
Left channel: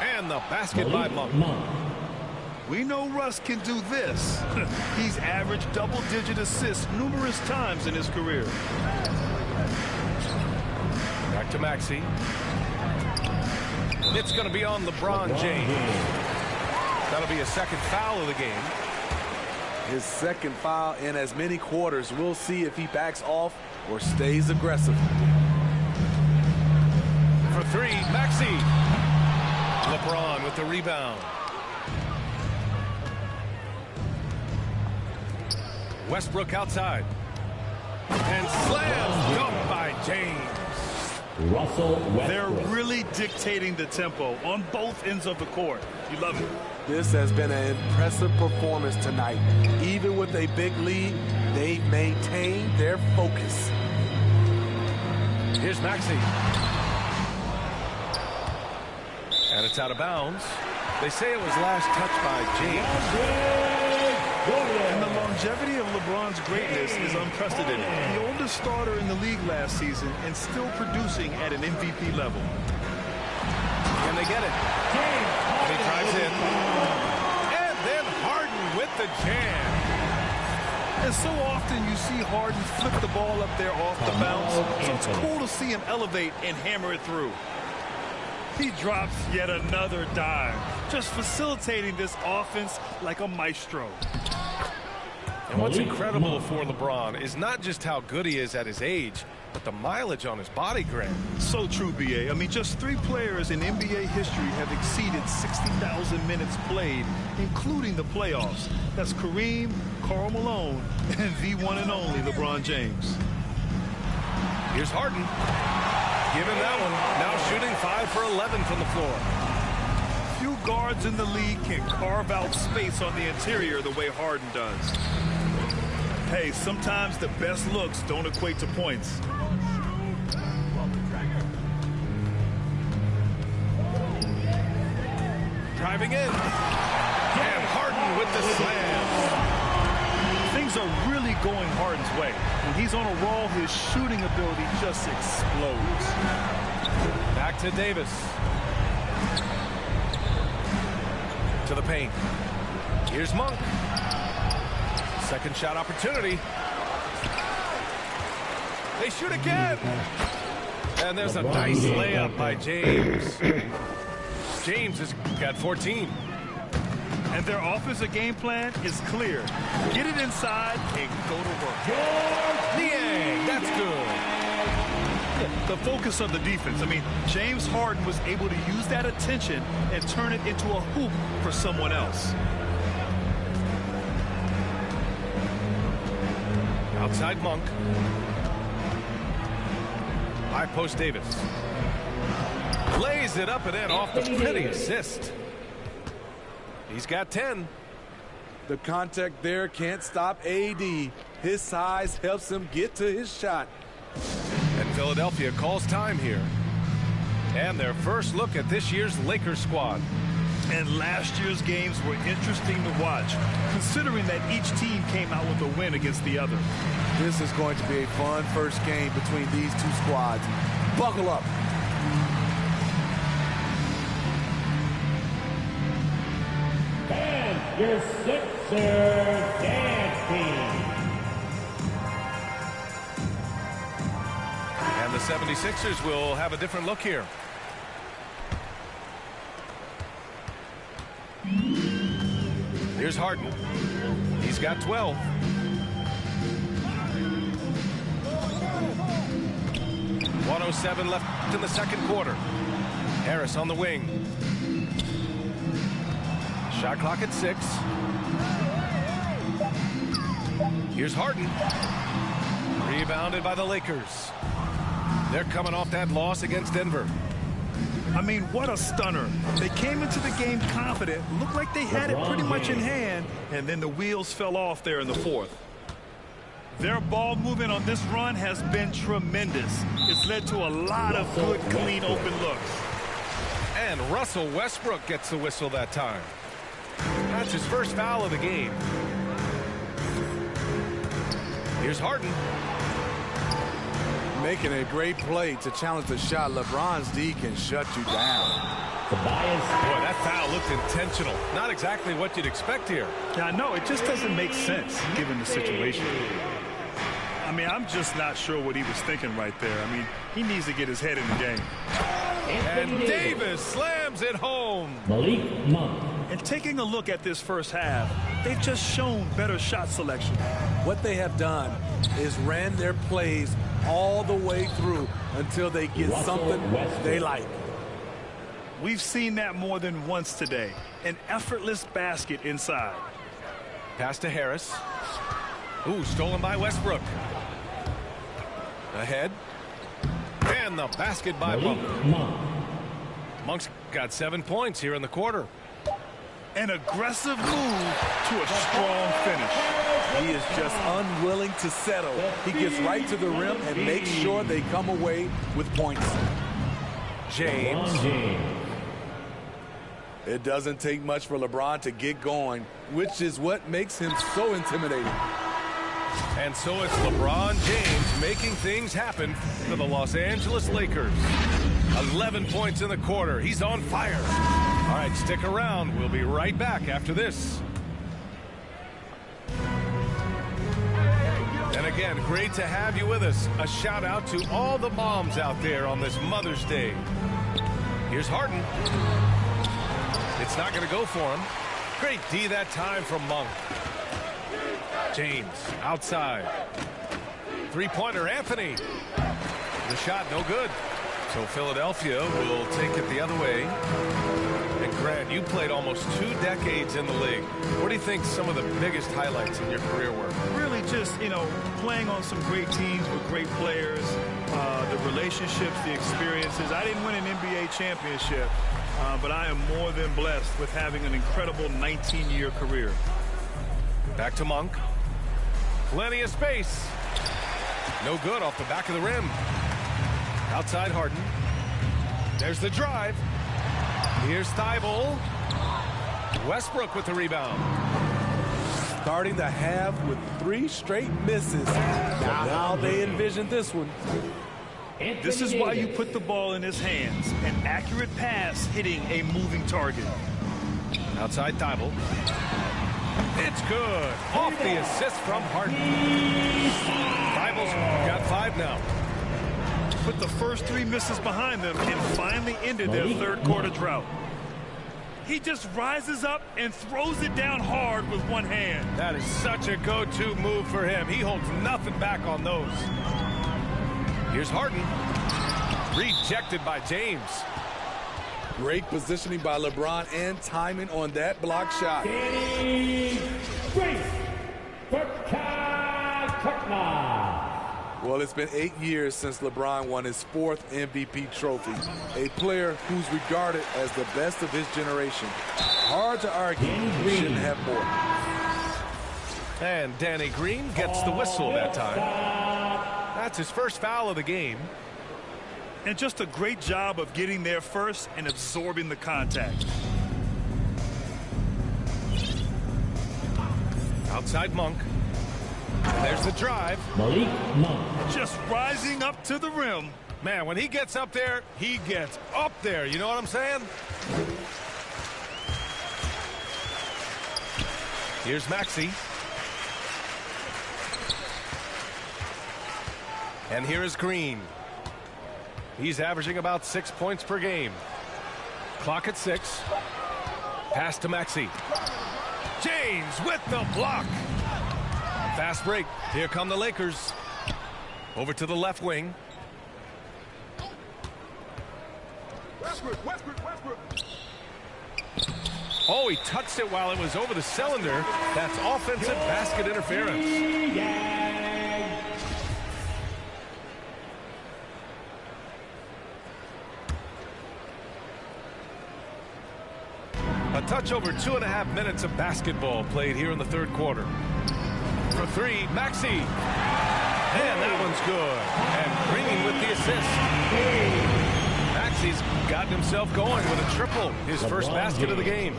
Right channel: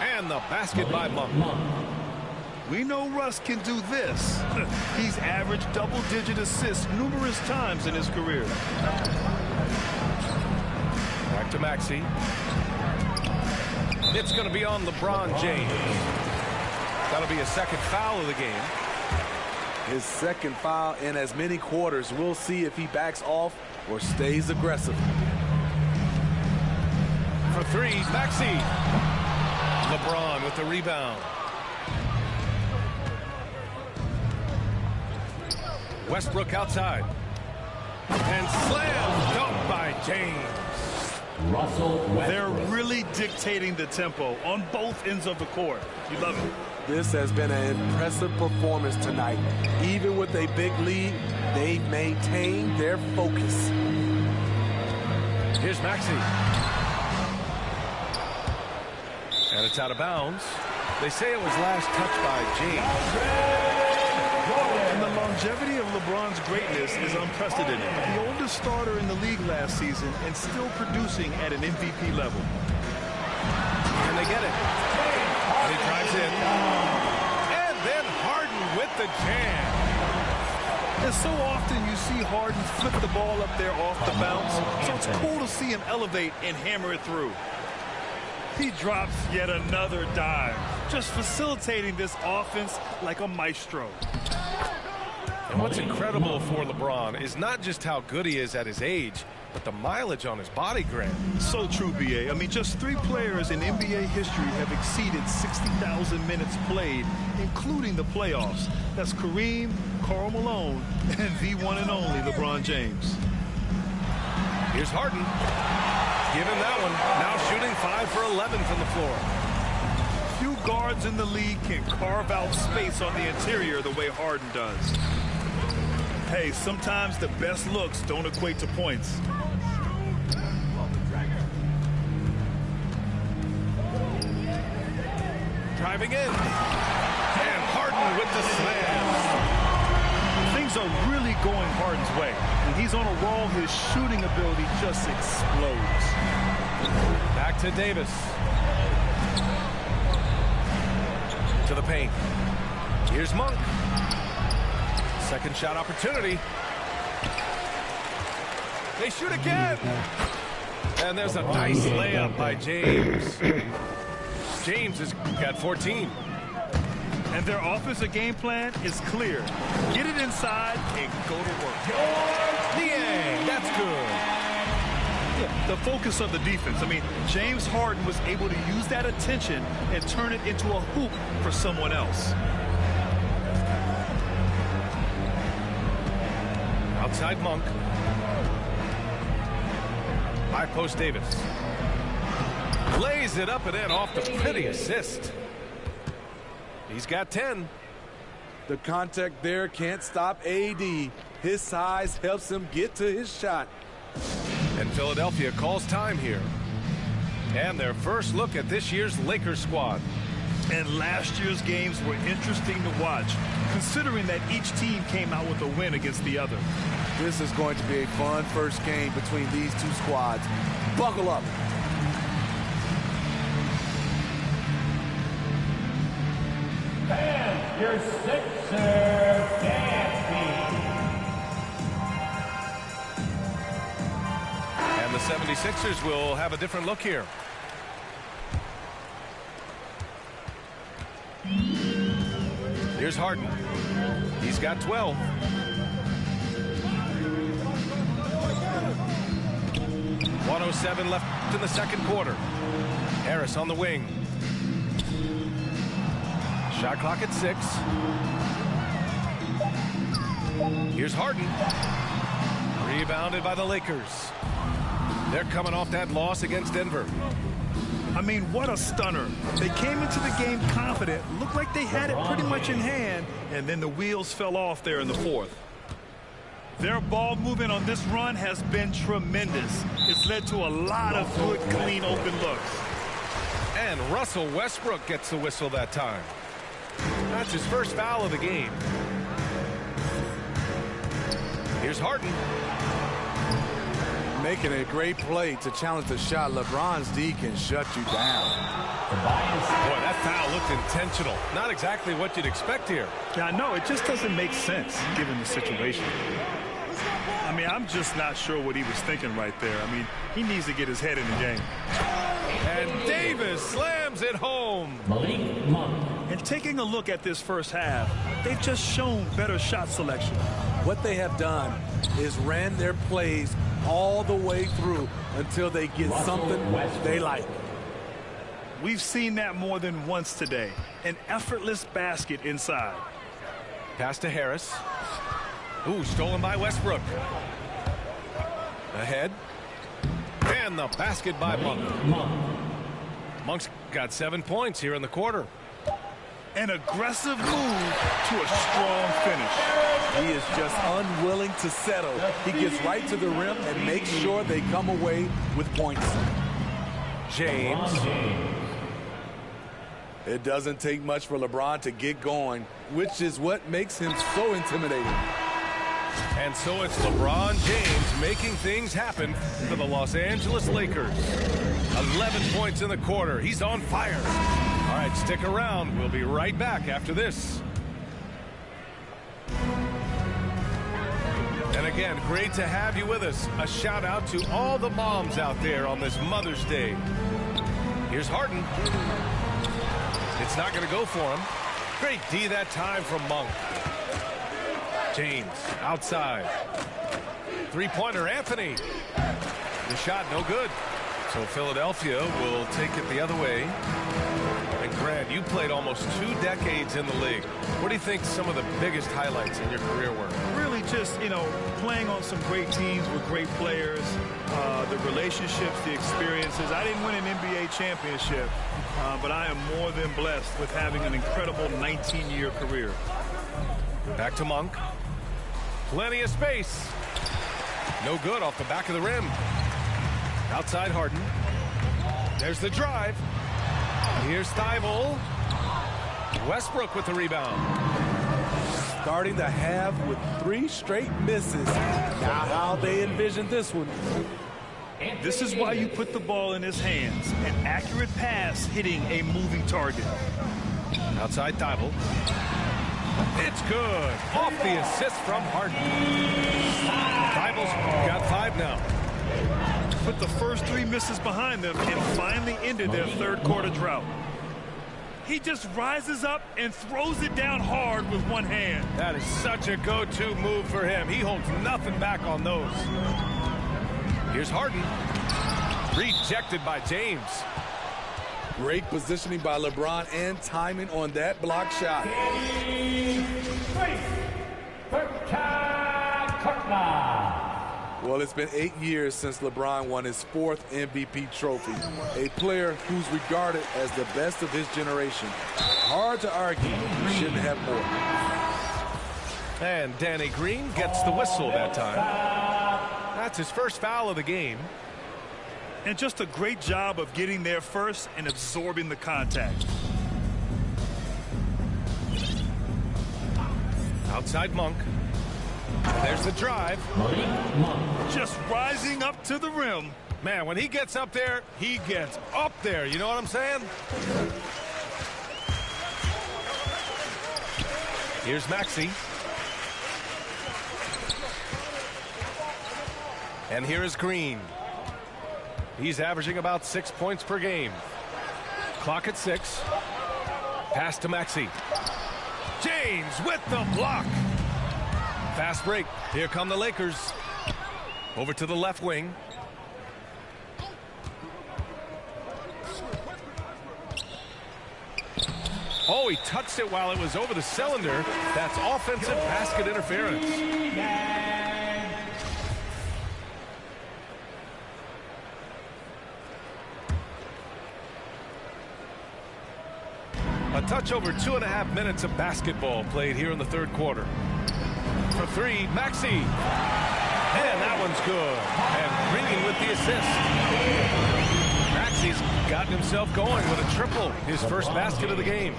And the basket by Monk. We know Russ can do this. He's averaged double-digit assists numerous times in his career. Back to Maxey. It's going to be on LeBron James. That'll be a second foul of the game. His second foul in as many quarters. We'll see if he backs off or stays aggressive. For 3, Maxey. LeBron with the rebound. Westbrook outside. And slam dunk by James. Russell Westbrook. They're really dictating the tempo on both ends of the court. You love it. This has been an impressive performance tonight. Even with a big lead, they've maintained their focus. Here's Maxey. And it's out of bounds. They say it was last touched by James. And the longevity of LeBron's greatness is unprecedented. The oldest starter in the league last season and still producing at an MVP level. And they get it. And he drives in. And then Harden with the jam. And so often you see Harden flip the ball up there off the bounce. So it's cool to see him elevate and hammer it through. He drops yet another dime, just facilitating this offense like a maestro. And what's incredible for LeBron is not just how good he is at his age, but the mileage on his body, Grant. So true, BA. I mean, just 3 players in NBA history have exceeded 60,000 minutes played, including the playoffs. That's Kareem, Karl Malone, and the one and only LeBron James. Here's Harden. Given that one. Now shooting 5 for 11 from the floor. Few guards in the league can carve out space on the interior the way Harden does. Hey, sometimes the best looks don't equate to points. Driving in. And Harden with the slam. Things are really going Harden's way. When he's on a roll, his shooting ability just explodes. Back to Davis. To the paint. Here's Monk. Second shot opportunity. They shoot again. And there's a nice layup by James. James has got 14. And their offensive game plan is clear. Get it inside and go to work. Niang, that's good. Yeah, the focus of the defense. I mean, James Harden was able to use that attention and turn it into a hoop for someone else. Outside Monk. High post Davis. Lays it up and in off the pretty assist. He's got 10. The contact there can't stop AD. His size helps him get to his shot. And Philadelphia calls time here. And their first look at this year's Lakers squad. And last year's games were interesting to watch, considering that each team came out with a win against the other. This is going to be a fun first game between these two squads. Buckle up. Fans, your Sixers dance team. And the 76ers will have a different look here. Here's Harden. He's got 12. .107 left in the second quarter. Harris on the wing. Shot clock at 6. Here's Harden. Rebounded by the Lakers. They're coming off that loss against Denver. I mean, what a stunner. They came into the game confident, looked like they had it pretty much in hand, and then the wheels fell off there in the fourth. Their ball movement on this run has been tremendous. It's led to a lot of good, clean, open looks. And Russell Westbrook gets the whistle that time. That's his first foul of the game. Here's Harden. Making a great play to challenge the shot. LeBron's D can shut you down. Boy, that foul looked intentional. Not exactly what you'd expect here. Yeah, I know. It just doesn't make sense given the situation. I mean, I'm just not sure what he was thinking right there. I mean, he needs to get his head in the game. And Davis slams it home. Malik Monk. And taking a look at this first half, they've just shown better shot selection. What they have done is ran their plays all the way through until they get something they like. We've seen that more than once today. An effortless basket inside. Pass to Harris. Ooh, stolen by Westbrook. Ahead. And the basket by Monk. Monk's got 7 points here in the quarter. An aggressive move to a strong finish. He is just unwilling to settle. He gets right to the rim and makes sure they come away with points. James. It doesn't take much for LeBron to get going, which is what makes him so intimidating. And so it's LeBron James making things happen for the Los Angeles Lakers. 11 points in the quarter. He's on fire. All right, stick around. We'll be right back after this. And again, great to have you with us. A shout out to all the moms out there on this Mother's Day. Here's Harden. It's not going to go for him. Great D that time from Monk. James outside. Three-pointer, Anthony. The shot no good. So Philadelphia will take it the other way. And Grant, you played almost 2 decades in the league. What do you think some of the biggest highlights in your career were? Really just, playing on some great teams with great players, the relationships, the experiences. I didn't win an NBA championship, but I am more than blessed with having an incredible 19-year career. Back to Monk. Plenty of space. No good off the back of the rim. Outside Harden. There's the drive. Here's Thibault. Westbrook with the rebound. Starting the half with 3 straight misses. Now how they envision this one. This is why you put the ball in his hands. An accurate pass hitting a moving target. Outside Thibault. It's good. Off the assist from Harden. Thibault's got 5 now. Put the first 3 misses behind them and finally ended their third quarter drought. He just rises up and throws it down hard with one hand. That is such a go-to move for him. He holds nothing back on those. Here's Harden. Rejected by James. Great positioning by LeBron and timing on that block shot. Well, it's been 8 years since LeBron won his 4th MVP trophy. A player who's regarded as the best of his generation. Hard to argue he shouldn't have more. And Danny Green gets the whistle that time. That's his first foul of the game. And just a great job of getting there first and absorbing the contact. Outside Monk. There's the drive. Just rising up to the rim. Man, when he gets up there, he gets up there. You know what I'm saying? Here's Maxey. And here is Green. He's averaging about 6 points per game. Clock at 6. Pass to Maxey. James with the block. Fast break. Here come the Lakers. Over to the left wing. Oh, he touched it while it was over the cylinder. That's offensive basket interference. A touch over 2.5 minutes of basketball played here in the third quarter. For 3, Maxey. And that one's good. And Green with the assist. Maxey's gotten himself going with a triple. His first basket of the game.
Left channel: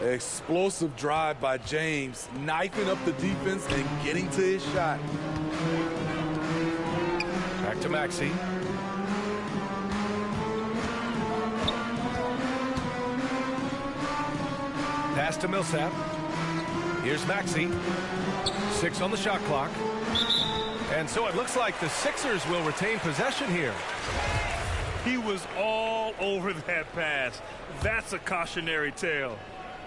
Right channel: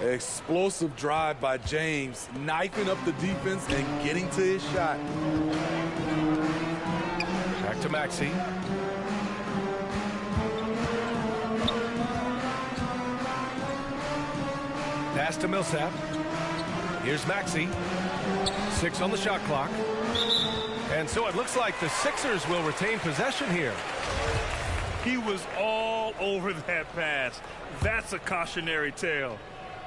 Explosive drive by James, knifing up the defense and getting to his shot. Back to Maxey. Pass to Millsap. Here's Maxey. 6 on the shot clock. And so it looks like the Sixers will retain possession here. He was all over that pass. That's a cautionary tale.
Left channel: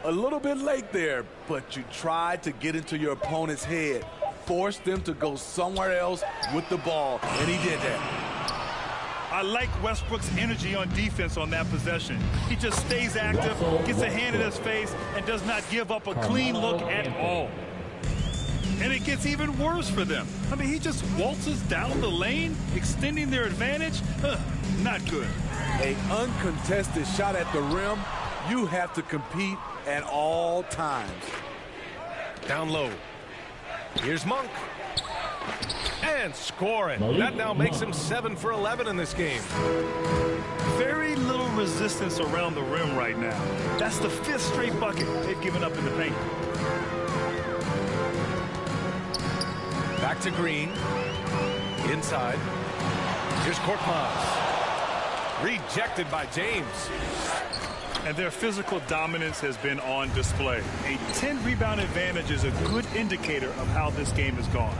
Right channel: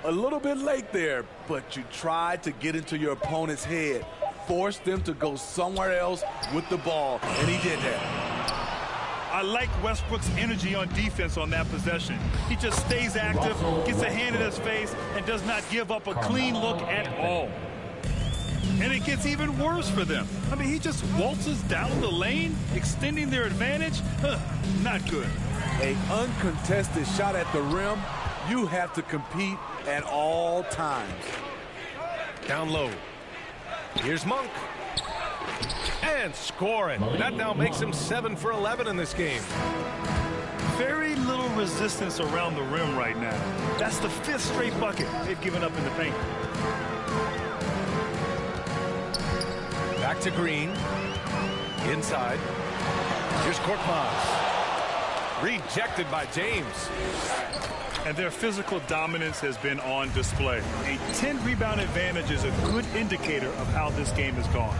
A little bit late there, but you tried to get into your opponent's head. Forced them to go somewhere else with the ball, and he did that. I like Westbrook's energy on defense on that possession. He just stays active, gets a hand in his face, and does not give up a clean look at all. And it gets even worse for them. I mean, he just waltzes down the lane, extending their advantage. Not good. An uncontested shot at the rim, you have to compete at all times. Down low. Here's Monk. And scoring. That now makes him 7 for 11 in this game. Very little resistance around the rim right now. That's the 5th straight bucket they've given up in the paint. Back to Green. Inside. Here's Korkmaz. Rejected by James. And their physical dominance has been on display. A 10-rebound advantage is a good indicator of how this game has gone.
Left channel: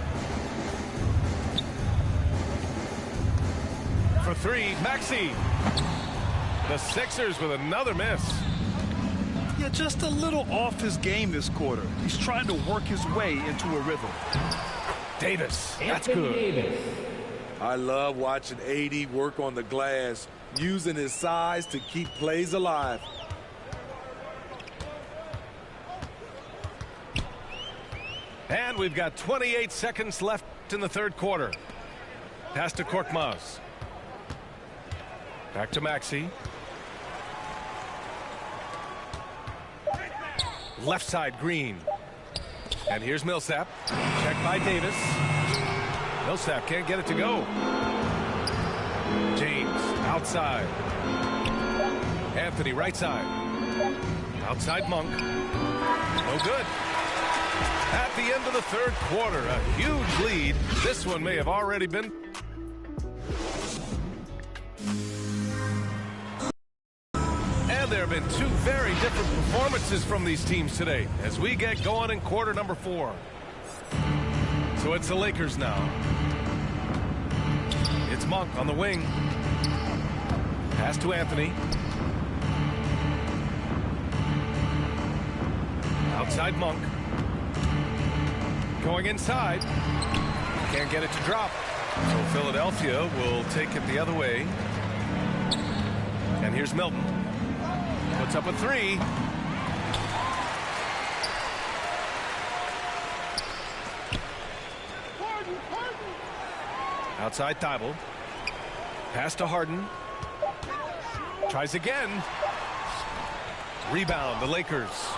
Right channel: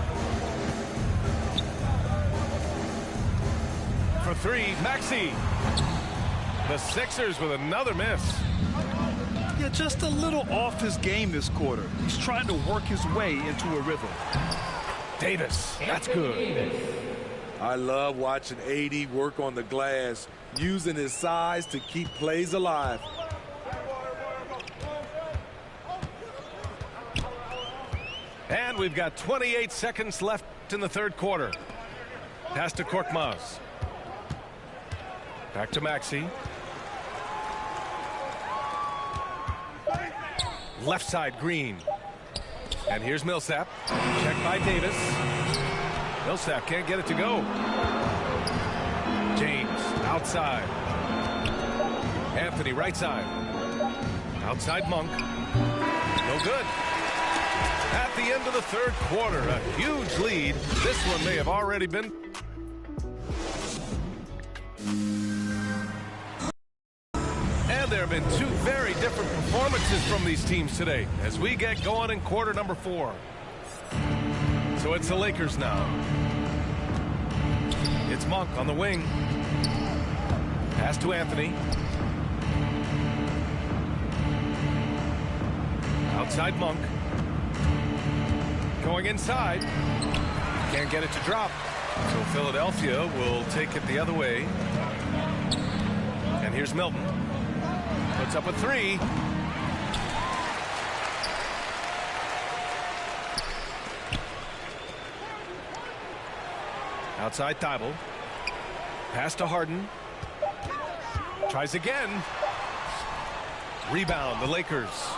For 3, Maxey. The Sixers with another miss. Yeah, just a little off his game this quarter. He's trying to work his way into a rhythm. Davis, that's good. I love watching AD work on the glass, using his size to keep plays alive. And we've got 28 seconds left in the third quarter. Pass to Korkmaz. Back to Maxey. Left side, Green. And here's Millsap. Checked by Davis. Millsap can't get it to go. James, outside. Anthony, right side. Outside Monk. No good. At the end of the third quarter, a huge lead. This one may have already been. And there have been two very different performances from these teams today as we get going in quarter number 4. So it's the Lakers now. It's Monk on the wing. Pass to Anthony. Outside Monk. Going inside. Can't get it to drop. So Philadelphia will take it the other way. And here's Milton. Puts up a 3. Outside Thibault. Pass to Harden. Tries again. Rebound, the Lakers.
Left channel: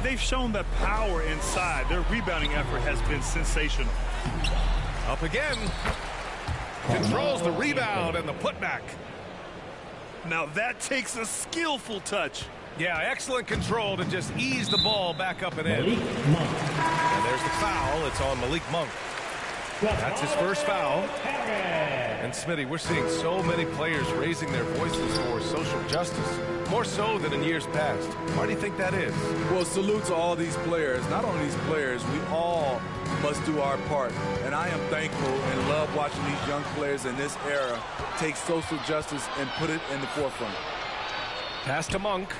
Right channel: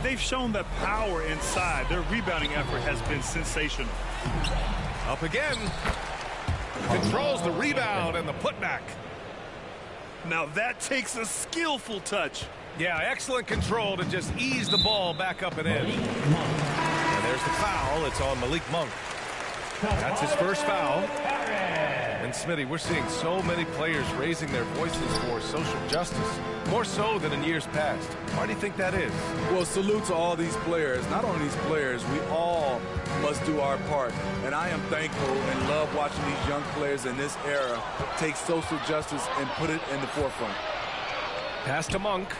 They've shown that power inside. Their rebounding effort has been sensational. Up again. Controls the rebound and the putback. Now that takes a skillful touch. Yeah, excellent control to just ease the ball back up and in. And there's the foul. It's on Malik Monk. That's his first foul. And Smitty, we're seeing so many players raising their voices for social justice, more so than in years past. Why do you think that is? Well, salute to all these players. Not only these players, we all must do our part. And I am thankful and love watching these young players in this era take social justice and put it in the forefront. Pass to Monk.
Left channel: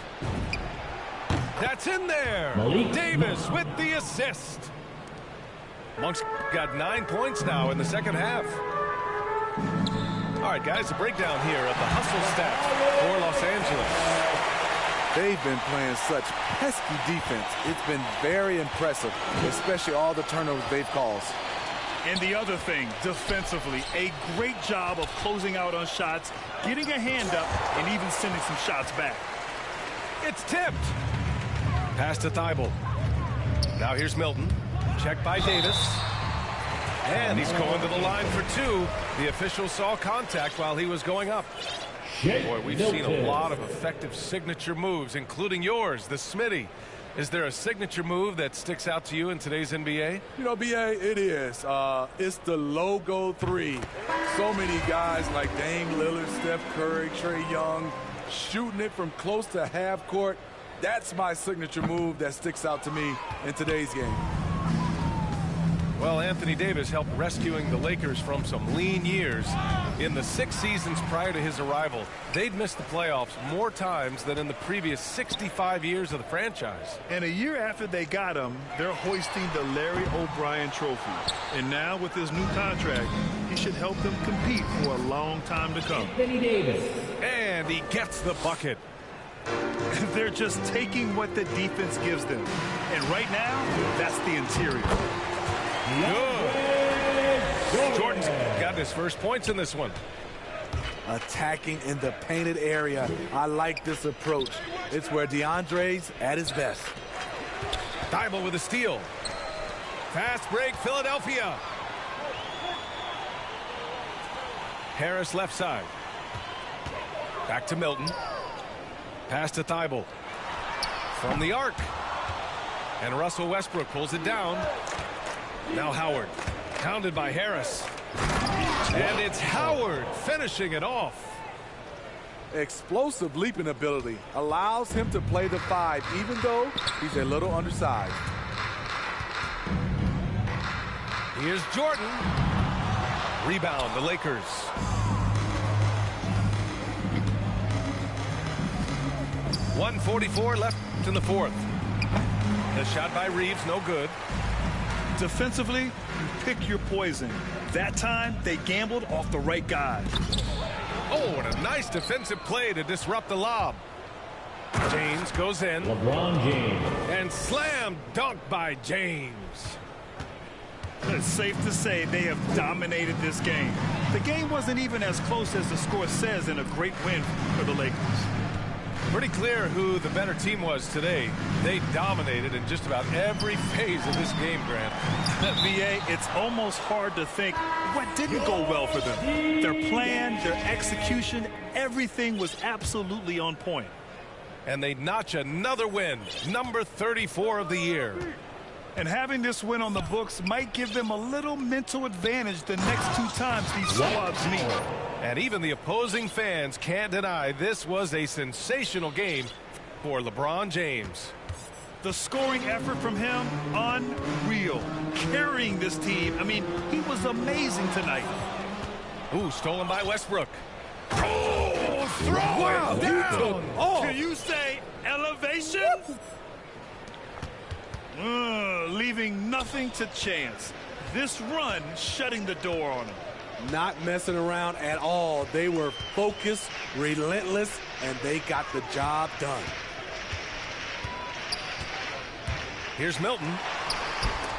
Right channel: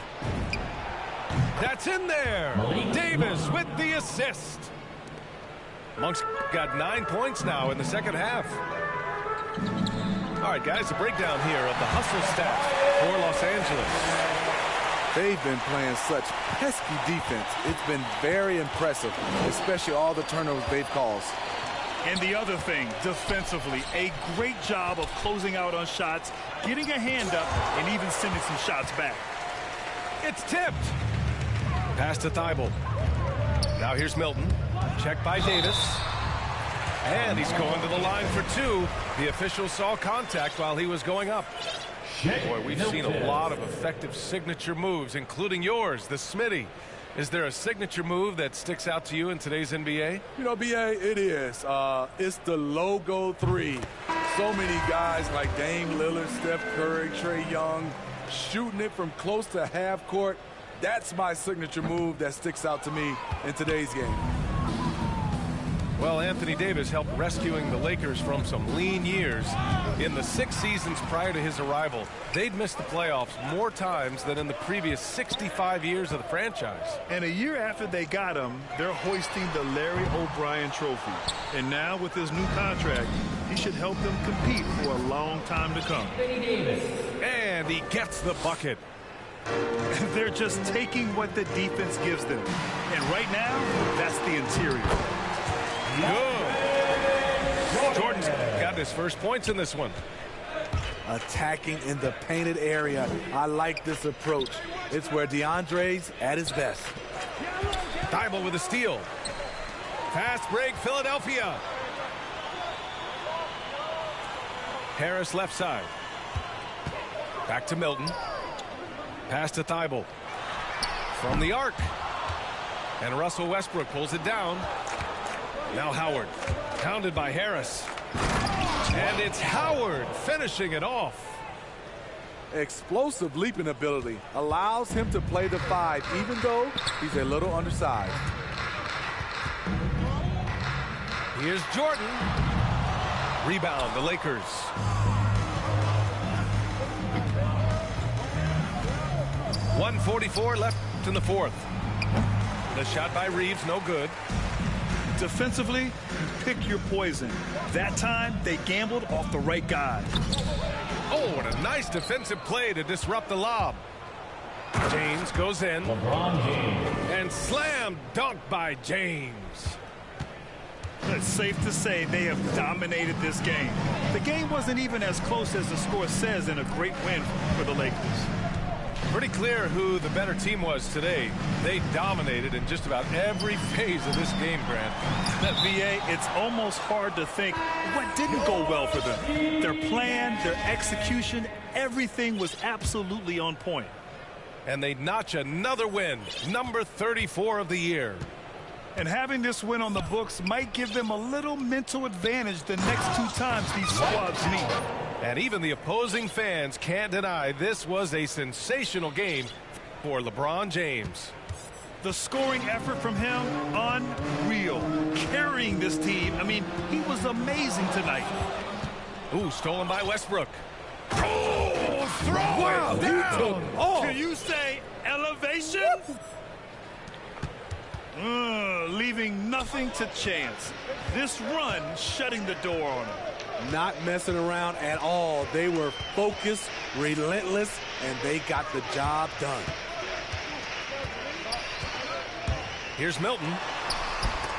That's in there. Davis with the assist. Monk's got 9 points now in the second half. All right, guys, a breakdown here of the hustle stats for Los Angeles. They've been playing such pesky defense. It's been very impressive, especially all the turnovers they've caused. And the other thing, defensively, a great job of closing out on shots, getting a hand up, and even sending some shots back. It's tipped. Pass to Thibault. Now here's Milton. Checked by Davis. And he's going to the line for 2. The official saw contact while he was going up. Boy, we've seen a lot of effective signature moves, including yours, the Smitty. Is there a signature move that sticks out to you in today's NBA? You know, BA, it is. It's the logo 3. So many guys like Dame Lillard, Steph Curry, Trae Young, shooting it from close to half court. That's my signature move that sticks out to me in today's game. Well, Anthony Davis helped rescuing the Lakers from some lean years. In the 6 seasons prior to his arrival, they'd missed the playoffs more times than in the previous 65 years of the franchise. And a year after they got him, they're hoisting the Larry O'Brien Trophy. And now with his new contract, he should help them compete for a long time to come. And he gets the bucket. They're just taking what the defense gives them. And right now, that's the interior. Good. Jordan's got his first points in this one. Attacking in the painted area. I like this approach. It's where DeAndre's at his best. Thibault with a steal. Fast break, Philadelphia. Harris left side. Back to Milton. Pass to Thibault. From the arc. And Russell Westbrook pulls it down. Now Howard, pounded by Harris. And it's Howard finishing it off. Explosive leaping ability allows him to play the 5, even though he's a little undersized. Here's Jordan. Rebound, the Lakers. 1:44 left in the fourth. The shot by Reeves, no good. Defensively, you pick your poison. That time, they gambled off the right guy. Oh, what a nice defensive play to disrupt the lob. James goes in. LeBron James. And slam dunk by James. It's safe to say they have dominated this game. The game wasn't even as close as the score says in a great win for the Lakers. Pretty clear who the better team was today. They dominated in just about every phase of this game, Grant. VA, it's almost hard to think what didn't go well for them. Their plan, their execution, everything was absolutely on point. And they notch another win, number 34 of the year. And having this win on the books might give them a little mental advantage the next two times these squads meet. And even the opposing fans can't deny this was a sensational game for LeBron James. The scoring effort from him, unreal. Carrying this team, I mean, he was amazing tonight. Ooh, stolen by Westbrook. Oh, throw it down. Can you say elevation? Leaving nothing to chance. This run shutting the door on him. Not messing around at all. They were focused, relentless, and they got the job done. Here's Milton.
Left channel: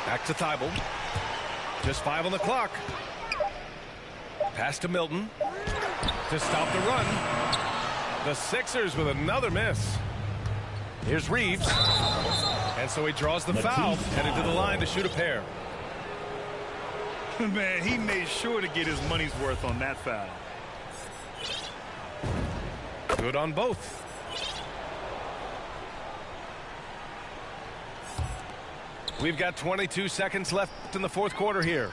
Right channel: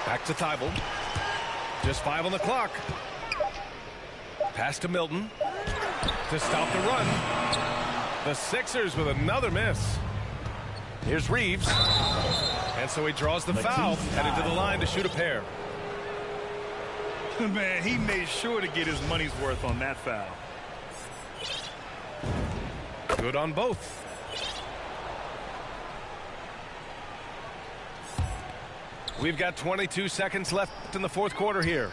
Back to Thibault. Just 5 on the clock. Pass to Milton to stop the run. The Sixers with another miss. Here's Reeves. And so he draws the foul, headed to the line to shoot a pair. Man, he made sure to get his money's worth on that foul. Good on both. We've got 22 seconds left in the fourth quarter here.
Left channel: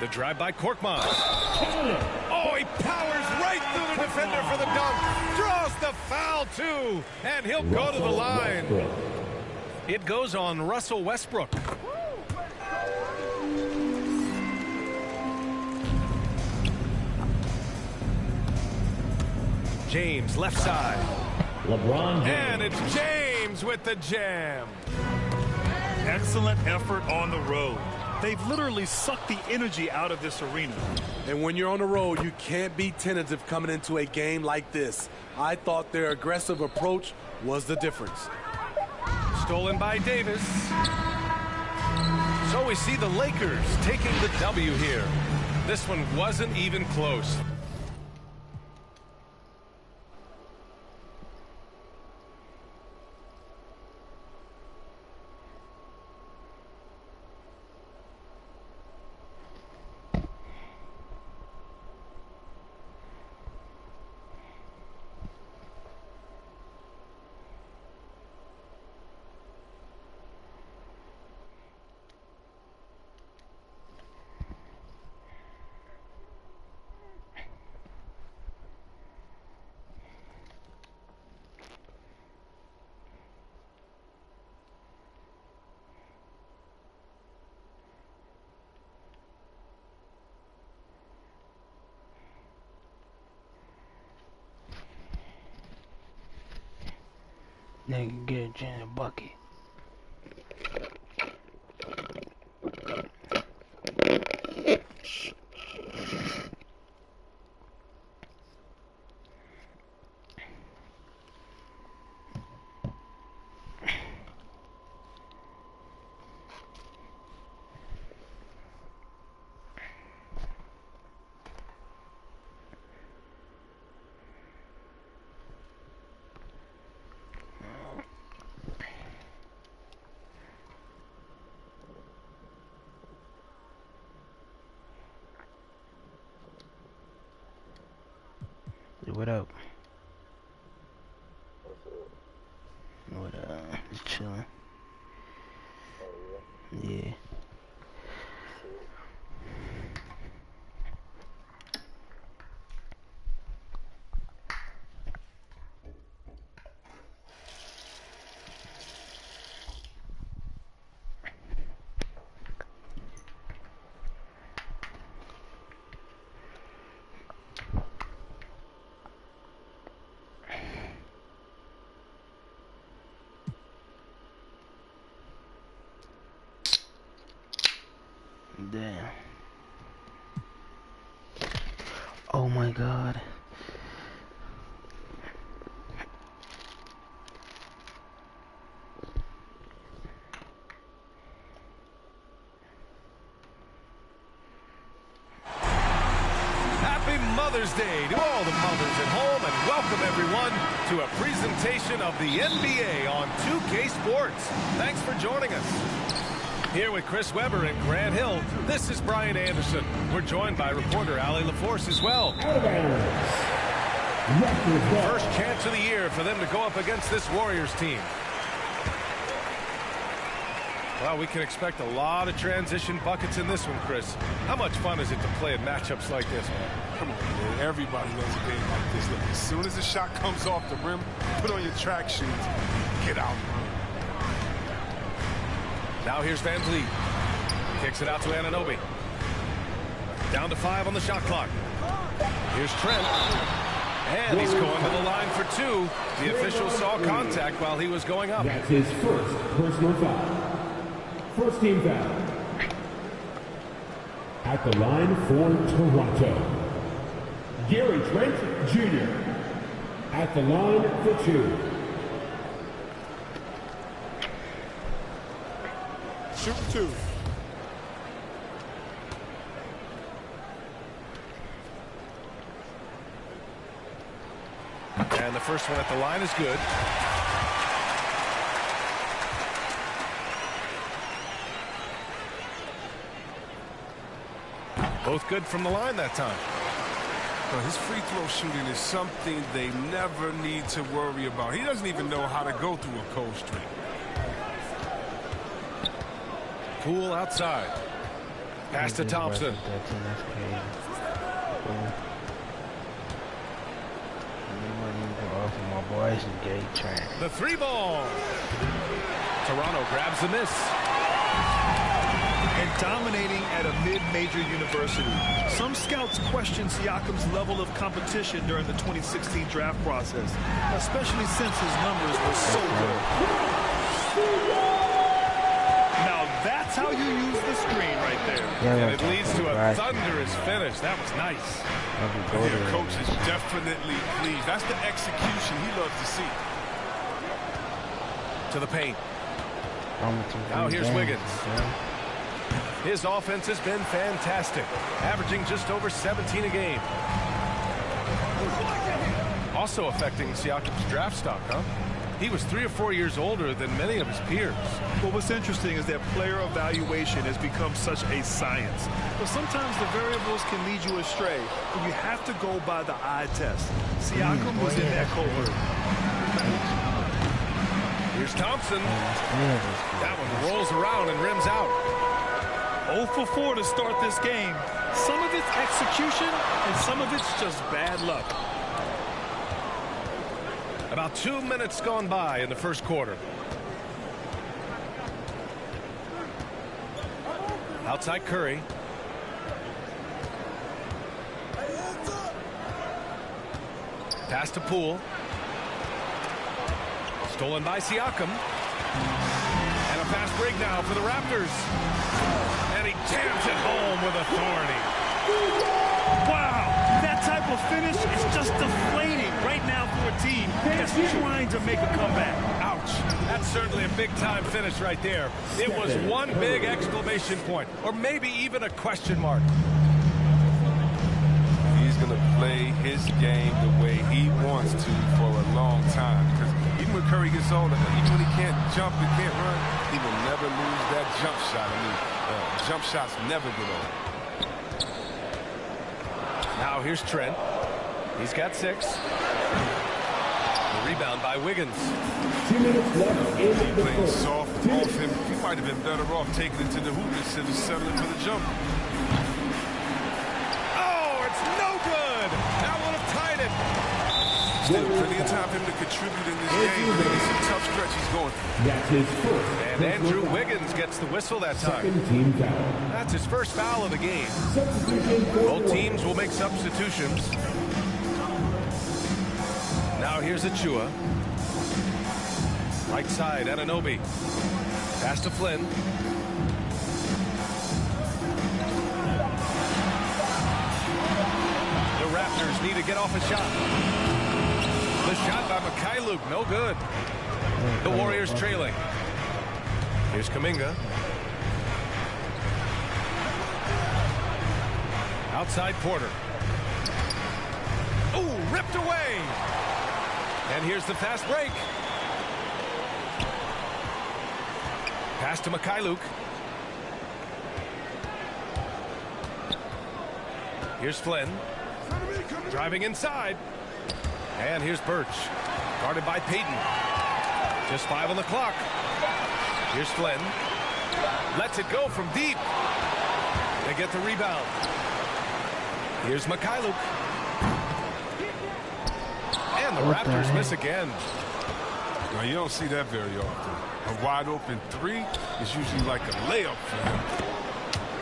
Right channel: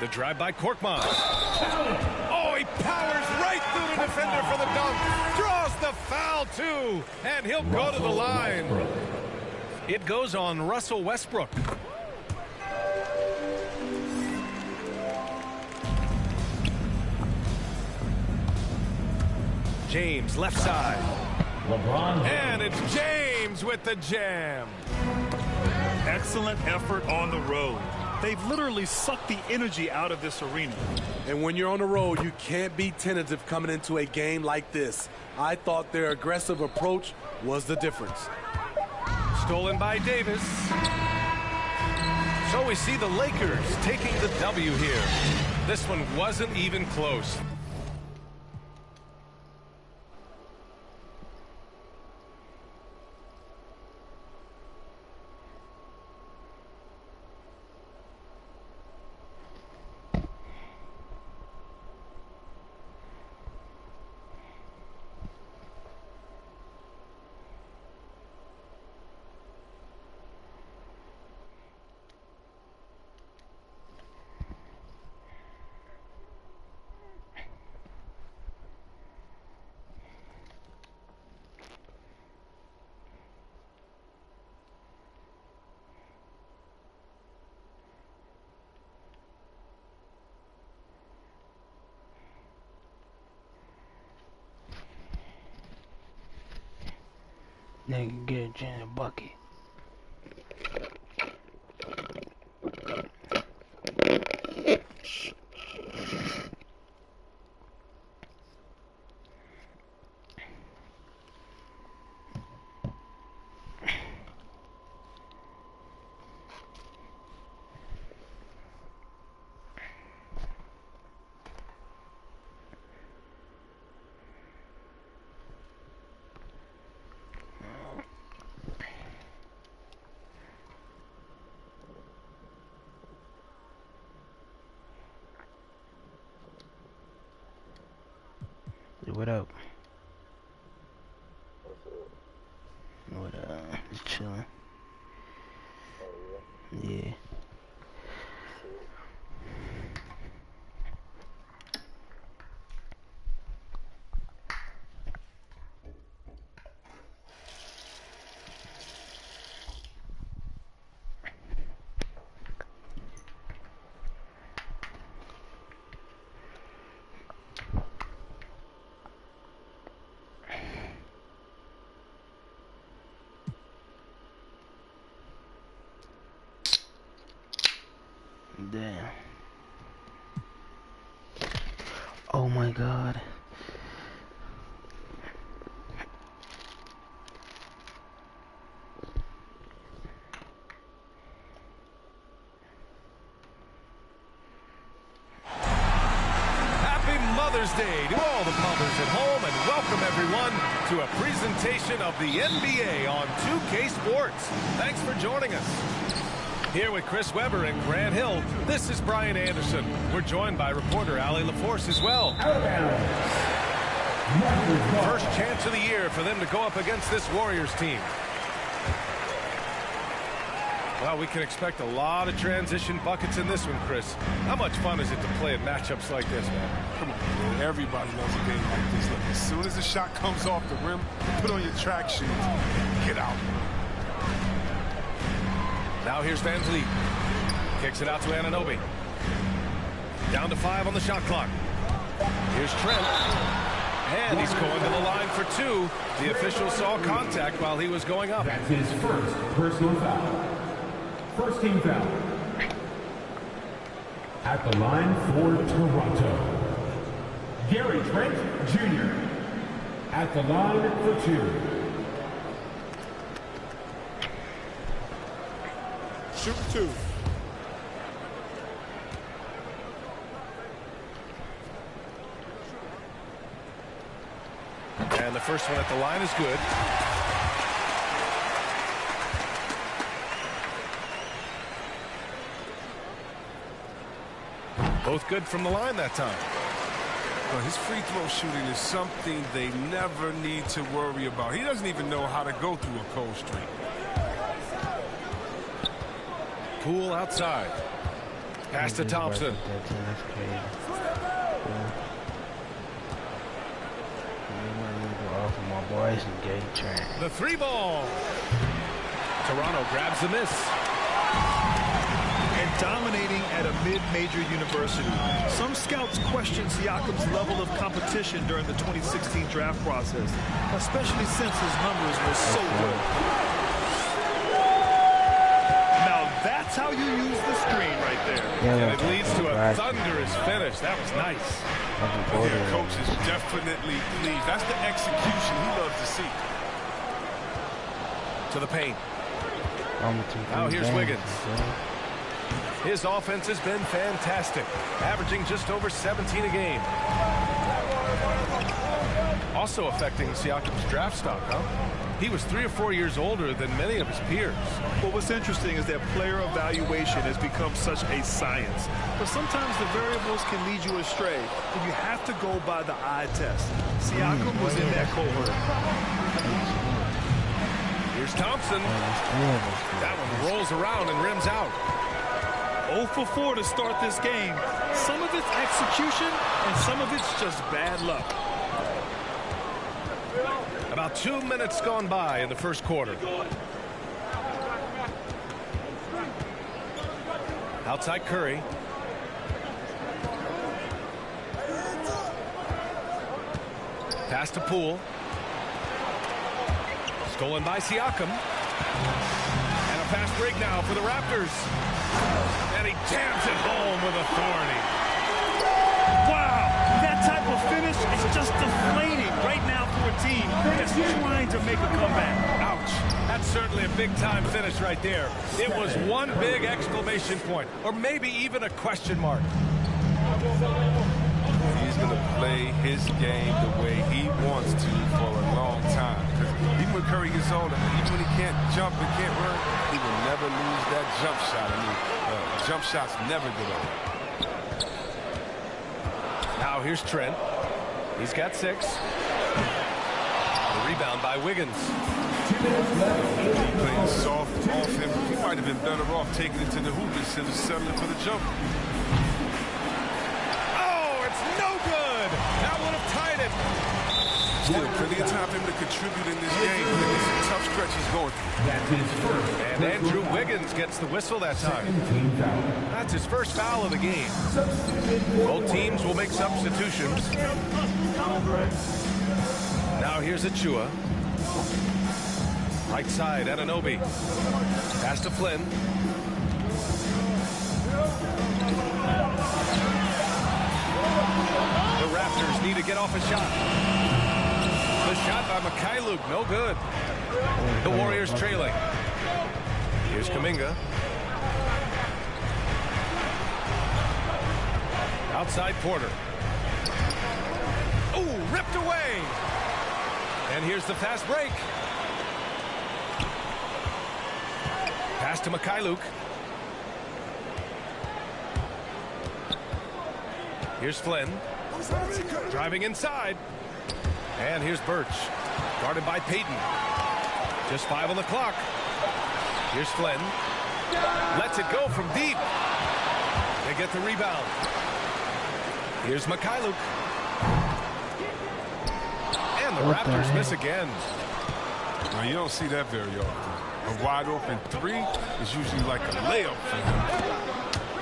The drive by Korkmaz. Oh, he powers right through the defender for the dunk. Draws the foul, too. And he'll go to the line. It goes on Russell Westbrook. James, left side. LeBron James. And it's James with the jam. Excellent effort on the road. They've literally sucked the energy out of this arena. And when you're on the road, you can't be tentative coming into a game like this. I thought their aggressive approach was the difference. Stolen by Davis. So we see the Lakers taking the W here. This one wasn't even close. Nigga get a gin and bucket. What up? What up? Just chilling. Yeah. Damn. Oh my God. Happy Mother's Day to all the mothers at home, and welcome everyone to a presentation of the NBA on 2K Sports. Thanks for joining us. Here with Chris Webber and Grant Hill, this is Brian Anderson. We're joined by reporter Allie LaForce as well. First chance of the year for them to go up against this Warriors team. Well, we can expect a lot of transition buckets in this one, Chris. How much fun is it to play in matchups like this, man? Come on, man. Everybody loves a game like this. Look, as soon as the shot comes off the rim, put on your track shoes, get out. Now here's Van Vliet. Kicks it out to Anunoby. Down to 5 on the shot clock. Here's Trent. And he's going to the line for 2. The official saw contact while he was going up. That's his first personal foul. First team foul. At the line for Toronto, Gary Trent Jr. At the line for 2. Shoot 2. And the first one at the line is good. Both good from the line that time. Well, his free throw shooting is something they never need to worry about. He doesn't even know how to go through a cold streak. Poole outside. Pass to Thompson. That's crazy. Cool. We want to go off of my boys and get track. The 3 ball. Toronto grabs the miss. And dominating at a mid-major university. Some scouts question Siakam's level of competition during the 2016 draft process, especially since his numbers were so good. Now that's how you use the screen right there. And it leads to a thunderous finish. That was nice. Yeah, coach is definitely pleased. That's the execution he loves to see. To the paint. Now here's Wiggins. His offense has been fantastic, averaging just over 17 a game. Also affecting Siakam's draft stock, huh? He was 3 or 4 years older than many of his peers. Well, what's interesting is that player evaluation has become such a science. But sometimes the variables can lead you astray, and you have to go by the eye test. Siakam was in that cohort. Here's Thompson. That one rolls around and rims out. 0 for 4 to start this game. Some of it's execution, and some of it's just bad luck. About 2 minutes gone by in the first quarter. Outside Curry. Pass to Poole. Stolen by Siakam. And a fast break now for the Raptors. And he jams it home with authority. Wow, that type of finish is just deflating right now for a team that's trying to make a comeback. Ouch. That's certainly a big-time finish right there. It was one big exclamation point, or maybe even a question mark. He's going to play his game the way he wants to for a long time. Because even when Curry gets older, even when he can't jump and can't run, he will never lose that jump shot. I mean, jump shots never get old. Now here's Trent. He's got 6. The rebound by Wiggins. 2 minutes left. He playing soft off him. He might have been better off taking it to the hoop instead of settling for the jumper. Oh, it's no good. That would have tied it. Still plenty of time for him to contribute in this game. I think it's a tough stretch he's going through. That's his first. And Andrew Wiggins gets the whistle that time. Second team foul. That's his first foul of the game. Both teams will make substitutions. Now here's Achua. Right side, Anunoby. Pass to Flynn. Raptors need to get off a shot. The shot by McCauley, no good. The Warriors trailing. Here's Kuminga. Outside Porter. Oh, ripped away. And here's the fast break. Pass to McCauley. Here's Flynn. Driving inside. And here's Birch. Guarded by Payton. Just 5 on the clock. Here's Flynn. Lets it go from deep. They get the rebound. Here's McCauley. And the Raptors miss again. Now, you don't see that very often. A wide open three is usually like a layup for him.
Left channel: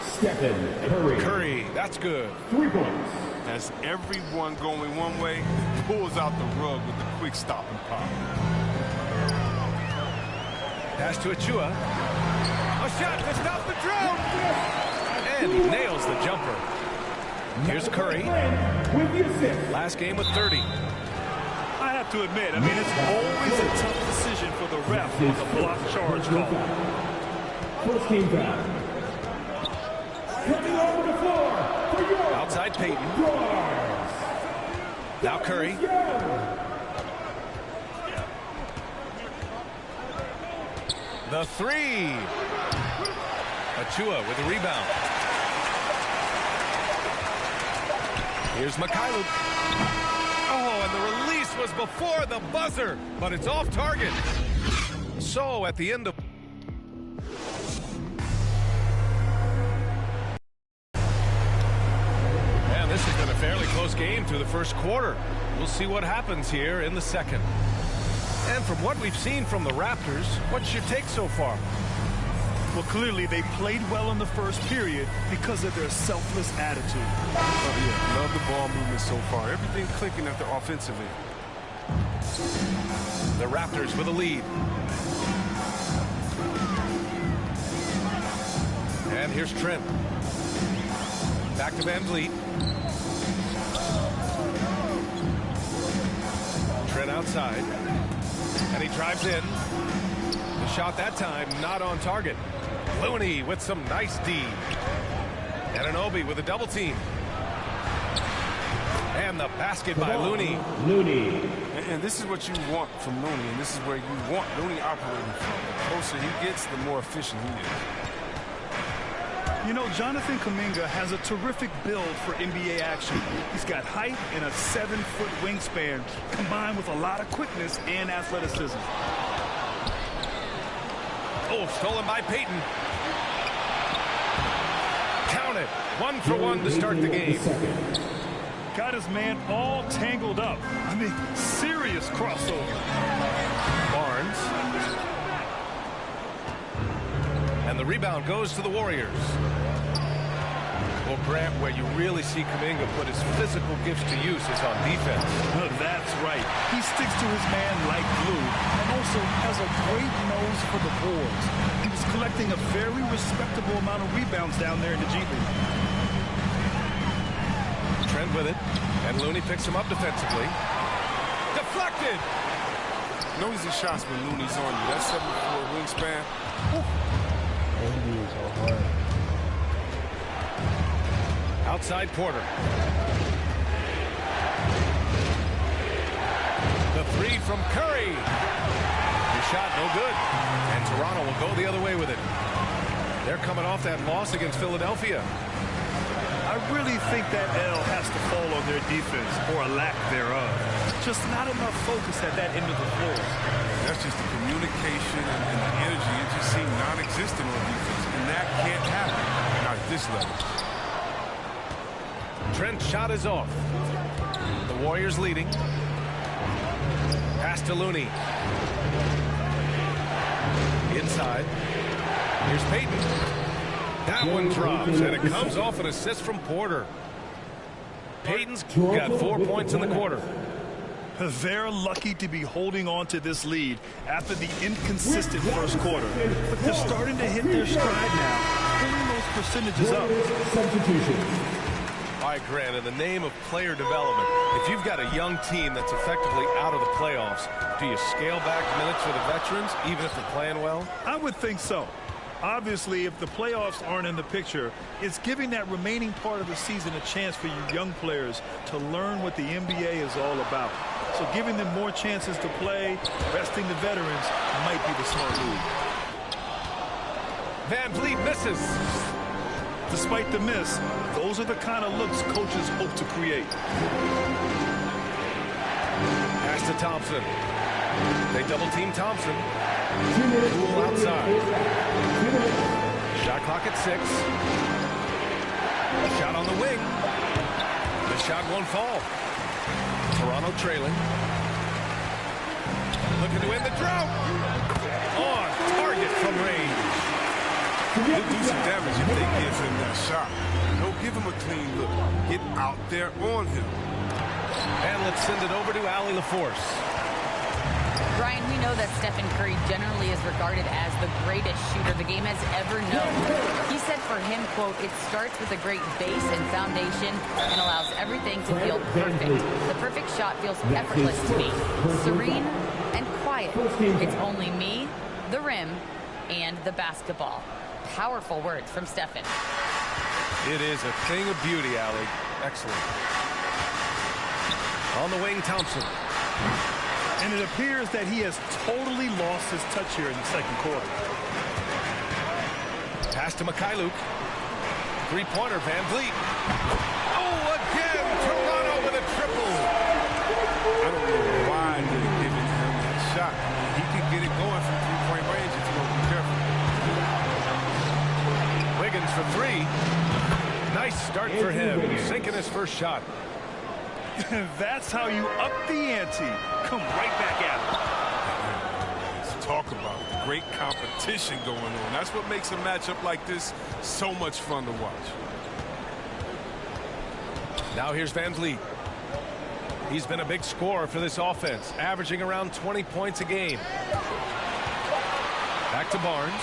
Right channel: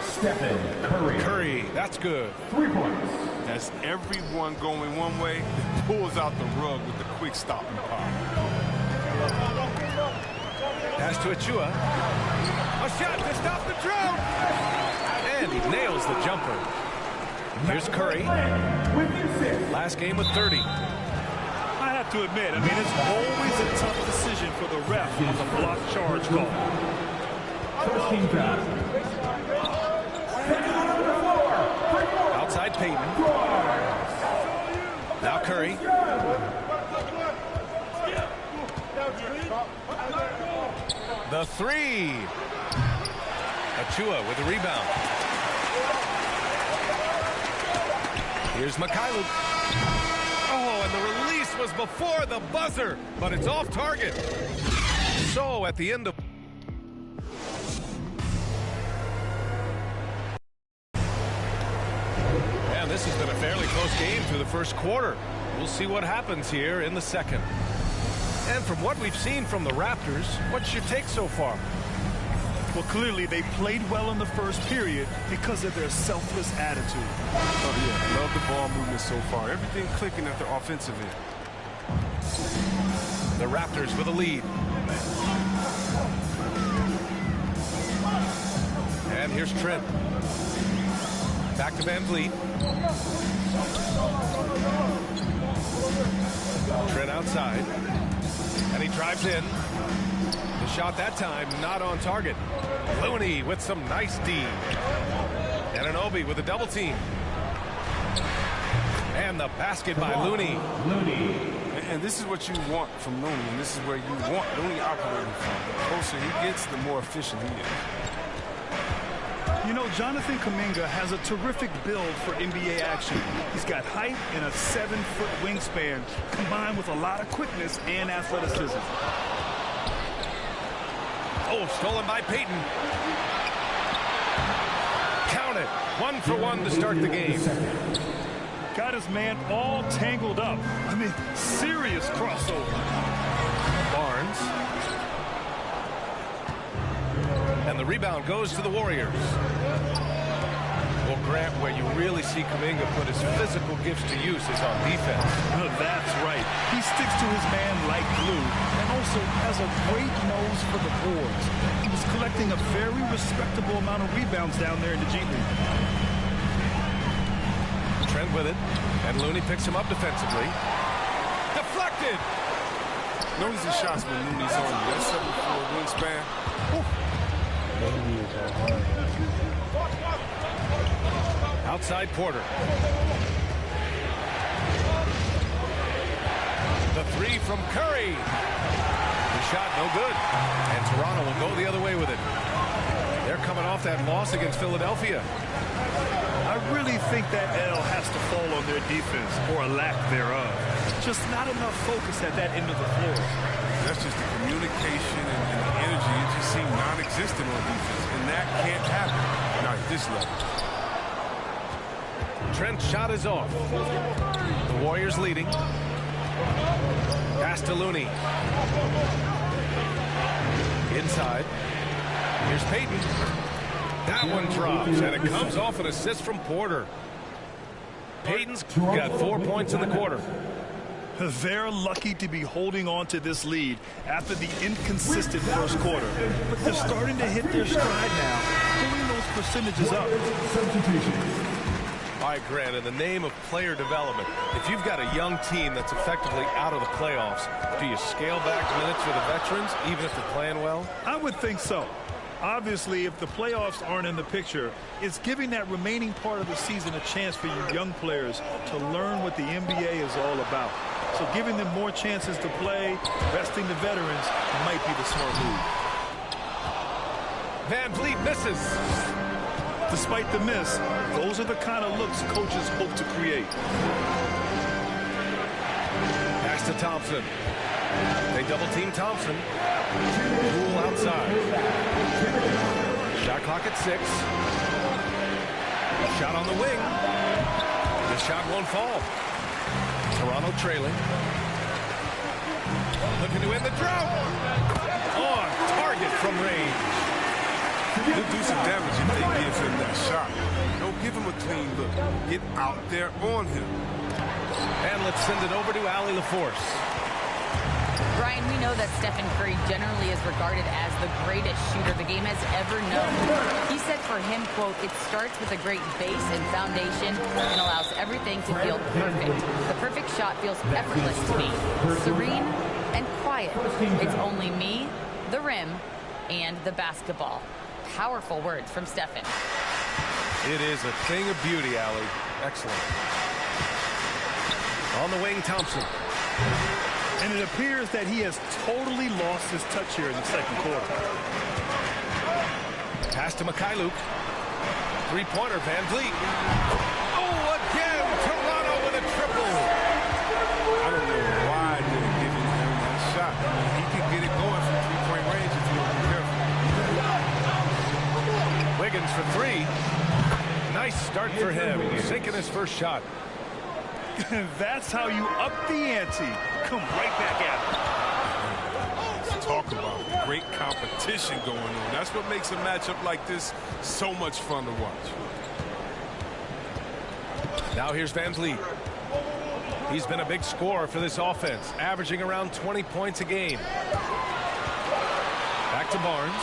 Stephen Curry. Curry, that's good. 3 points. As everyone going one way, it pulls out the rug with the quick stop and pop. Pass to Achua. A shot to stop the drought. And he nails the jumper. Here's Curry. Last game with 30. I have to admit, I mean, it's always a tough decision for the ref on the block charge call. First team foul. Outside Payton. Now Curry. The three. Achua with the rebound. Here's McCauley. Oh, and the release was before the buzzer, but it's off target. So at the end of... And this has been a fairly close game through the first quarter. We'll see what happens here in the second. And from what we've seen from the Raptors, what's your take so far? Well, clearly they played well in the first period because of their selfless attitude. Oh, yeah. Love the ball movement so far. Everything clicking at the offensive end. The Raptors with a lead. And here's Trent. Back to Van Vliet. Trent outside. And he drives in. The shot that time not on target. Looney with some nice D. Anunoby with a double team. And the basket by Looney. And this is what you want from Looney, and this is where you want Looney operating from. The closer he gets, the more efficient he is. You know, Jonathan Kuminga has a terrific build for NBA action. He's got height and a 7-foot wingspan, combined with a lot of quickness and athleticism. Oh, stolen by Payton. Count it. 1 for 1 to start the game. Got his man all tangled up. I mean, serious crossover. Barnes. And the rebound goes to the Warriors. Well, Grant, where you really see Kuminga put his physical gifts to use is on defense. That's right. He sticks to his man like glue and also has a great nose for the boards. He was collecting a very respectable amount of rebounds down there in the G League. Trent with it, and Looney picks him up defensively. Deflected! No easy shots when Looney's on you. That 7'4" wingspan. Baby is so hard. Outside Porter. The three from Curry. The shot no good. And Toronto will go the other way with it. They're coming off that loss against Philadelphia. I really think that L has to fall on their defense, or a lack thereof. Just not enough focus at that end of the floor. That's just the communication and the energy. It just seemed non-existent on defense, and that can't happen, not at this level. Trent's shot is off. The Warriors leading. Pass to Looney. Inside. Here's Payton. That one drops, and it comes off an assist from Porter. Payton's got 4 points in the quarter. They're lucky to be holding on to this lead after the inconsistent first quarter. But they're starting to hit their stride now, pulling those percentages up. Substitution. All right, Grant, in the name of player development, if you've got a young team that's effectively out of the playoffs, do you scale back minutes for the veterans, even if they're playing well? I would think so. Obviously, if the playoffs aren't in the picture, it's giving that remaining part of the season a chance for you young players to learn what the NBA is all about. So giving them more chances to play, resting the veterans, might be the smart move. Van Vliet misses. Despite the miss, those are the kind of looks coaches hope to create. Pass to Thompson. They double-team Thompson. Poole outside. Shot clock at 6. Shot on the wing. The shot won't fall. Toronto trailing. Looking to end the drought. On target from range. He'll do some damage if they give him that shot. Don't give him a clean look. Get out there on him. And let's send it over to Allie LaForce. Brian, we know that Stephen Curry generally is regarded as the greatest shooter the game has ever known. He said for him, quote, it starts with a great base and foundation and allows everything to feel perfect. The perfect shot feels effortless to me. Serene and quiet. It's only me, the rim, and the basketball. Powerful words from Stephen. It is a thing of beauty, Allie. Excellent. On the wing, Thompson. And it appears that he has totally lost his touch here in the second quarter. Pass to Mikhailuk. Three-pointer, Van Vliet. Oh, again, Toronto with a triple. I don't know why they're giving him that shot. I mean, he could get it going from three-point range if you don't be careful. Wiggins for 3. Nice start for him. Sinking his first shot. That's how you up the ante. Come right back at it. Let's talk about the great competition going on. That's what makes a matchup like this so much fun to watch. Now here's Van Vliet. He's been a big scorer for this offense, averaging around 20 points a game. Back to Barnes.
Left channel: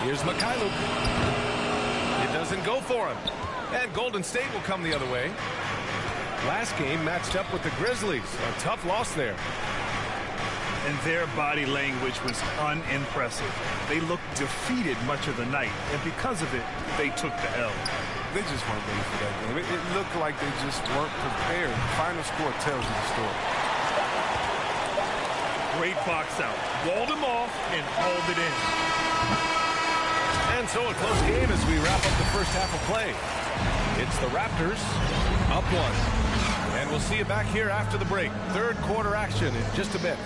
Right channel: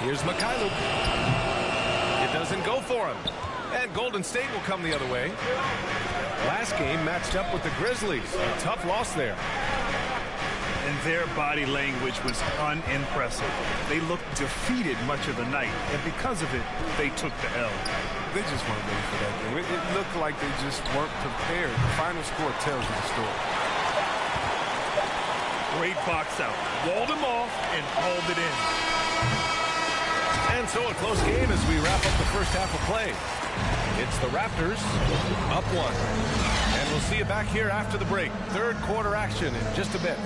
Here's Mikhailuk. It doesn't go for him. And Golden State will come the other way. Last game matched up with the Grizzlies. A tough loss there. And their body language was unimpressive. They looked defeated much of the night, and because of it, they took the L. They just weren't ready for that game. It looked like they just weren't prepared. The final score tells you the story. Great box out. Walled him off and hauled it in. And so a close game as we wrap up the first half of play. It's the Raptors up 1. And we'll see you back here after the break. Third quarter action in just a bit.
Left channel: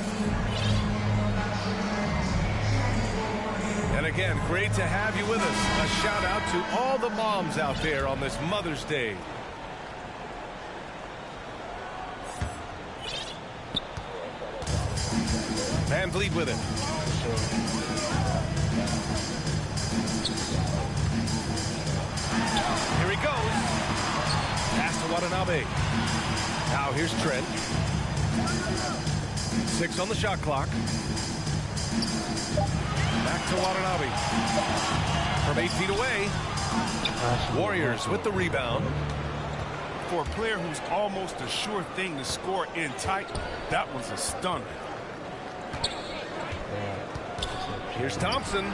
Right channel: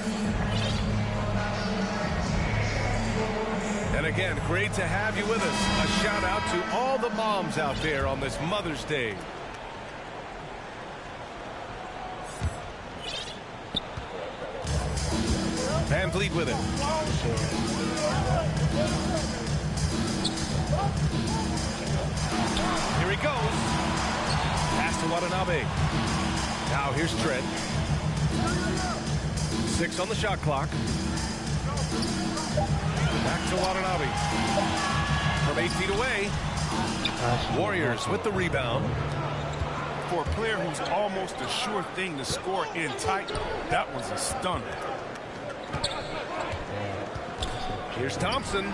And again, great to have you with us. A shout out to all the moms out there on this Mother's Day. Van Vliet with it. Here he goes. Pass to Watanabe. Now here's Trent. 6 on the shot clock. Back to Watanabe. From 8 feet away. Warriors with the rebound. For a player who's almost a sure thing to score in tight, that was a stunner. Here's Thompson.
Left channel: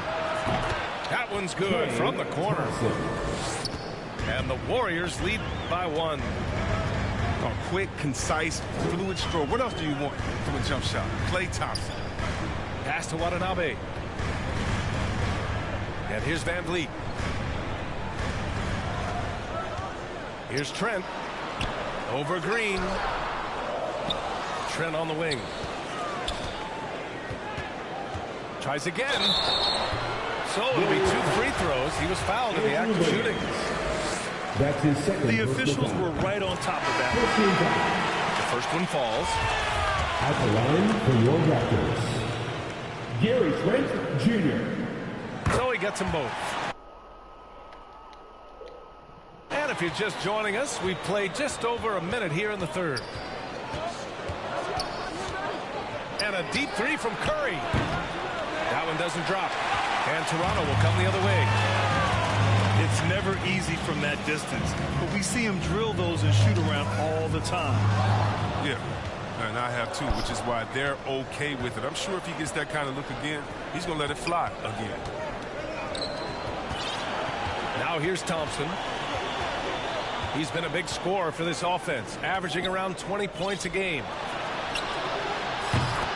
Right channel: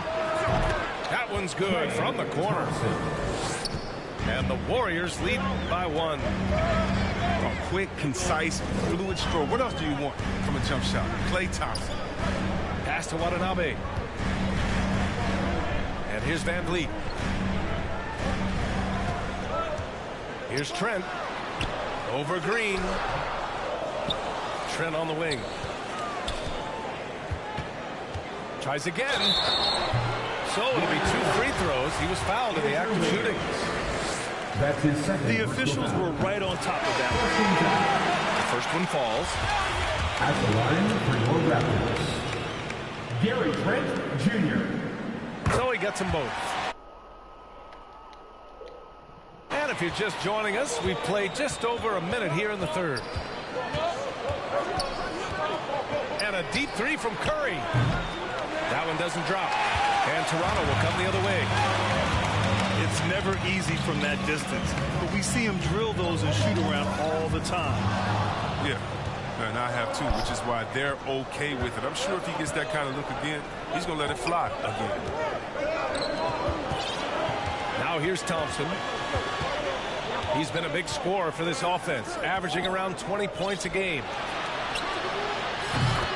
That one's good from the corner. And the Warriors lead by 1. A quick, concise, fluid stroke. What else do you want from a jump shot? Klay Thompson. Pass to Watanabe. And here's Van Vliet. Here's Trent. Over Green. Trent on the wing. Tries again. So it'll be 2 free throws. He was fouled in the act of shooting. That's his second. The officials were right on top of that one. The first one falls. At the line for your Raptors, Gary Trent Jr. So he gets them both. And if you're just joining us, we've played just over a minute here in the third. And a deep 3 from Curry. That one doesn't drop. And Toronto will come the other way. It's never easy from that distance, but we see him drill those and shoot around all the time. Yeah, and I have too, which is why they're okay with it. I'm sure if he gets that kind of look again, he's going to let it fly again. Now here's Thompson. He's been a big scorer for this offense, averaging around 20 points a game.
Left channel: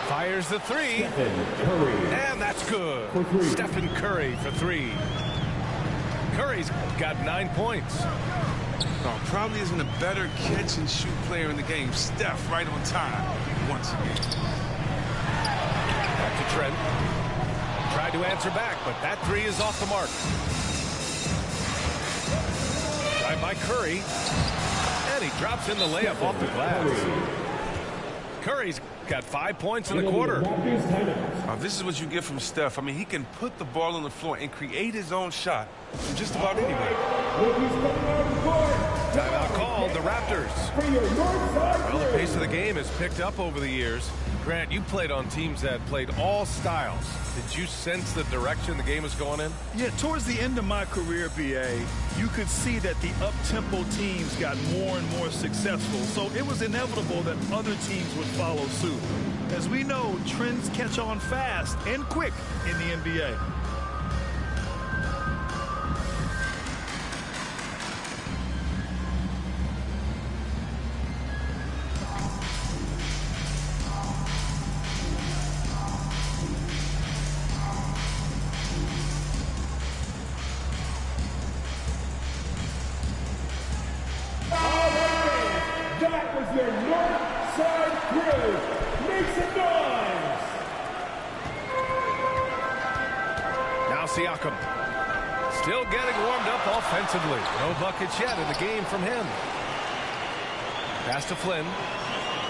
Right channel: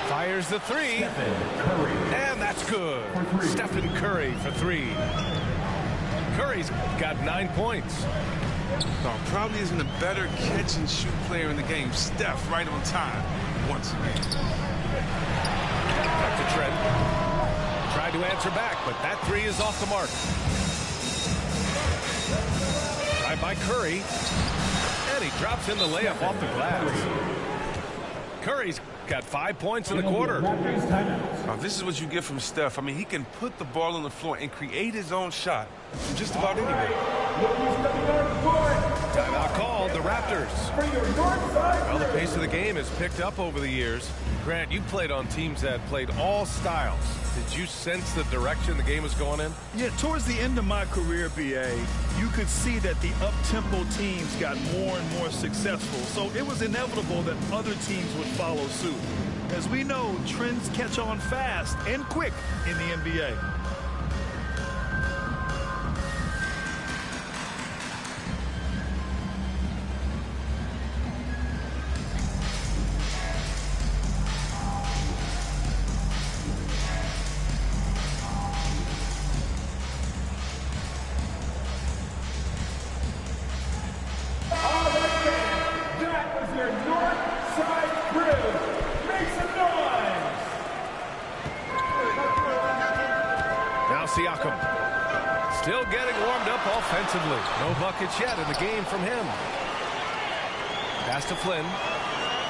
Fires the three, and that's good. Stephen Curry for three. Curry's got 9 points. No, probably isn't a better catch and shoot player in the game. Steph right on time once again. Back to Trent. Tried to answer back, but that three is off the mark. Drive by Curry, and he drops in the layup off the glass. Curry's got 5 points in the quarter. This is what you get from Steph. I mean, he can put the ball on the floor and create his own shot from just about anywhere. Timeout called, the Raptors. Well, the pace of the game has picked up over the years. Grant, you played on teams that played all styles. Did you sense the direction the game was going in? Yeah, towards the end of my career, BA, you could see that the up-tempo teams got more and more successful. So it was inevitable that other teams would follow suit. As we know, trends catch on fast and quick in the NBA. Siakam still getting warmed up offensively. No buckets yet in the game from him. Pass to Flynn.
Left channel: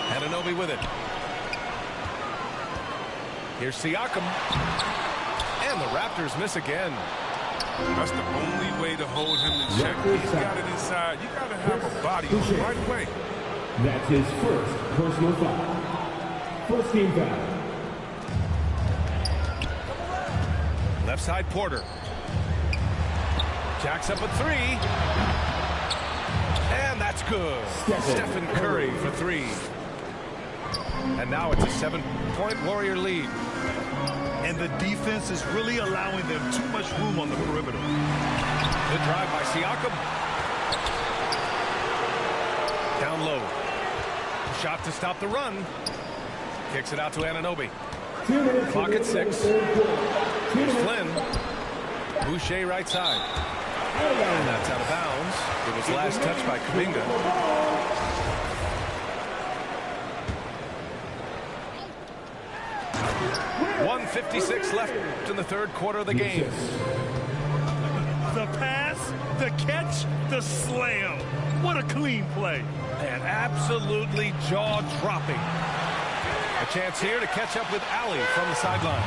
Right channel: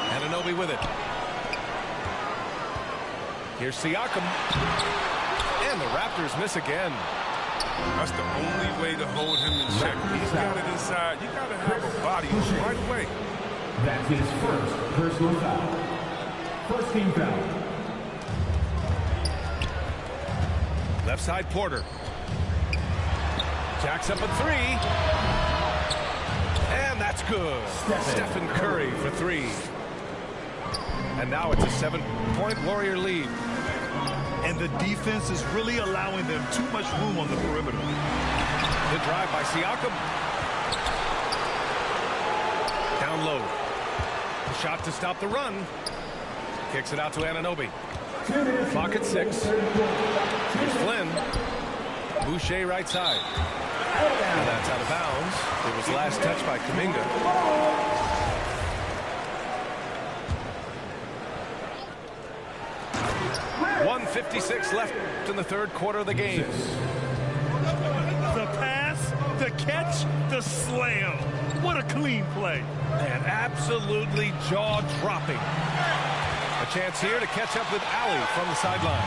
Anunoby with it. Here's Siakam. And the Raptors miss again. That's the only way to hold him in check. He's got it inside. You got to have a body on him right away. That's his first personal foul. First team foul. Left side Porter. Jacks up a three. And that's good. Stephen Curry for three. And now it's a 7-point Warrior lead. And the defense is really allowing them too much room on the perimeter. The drive by Siakam. Down low. The shot to stop the run. Kicks it out to Anunoby. Clock at 6. Here's Flynn. Boucher right side. And that's out of bounds. It was last touched by Kuminga. .156 left in the third quarter of the game. The pass, the catch, the slam. What a clean play. And absolutely jaw-dropping. A chance here to catch up with Allie from the sideline.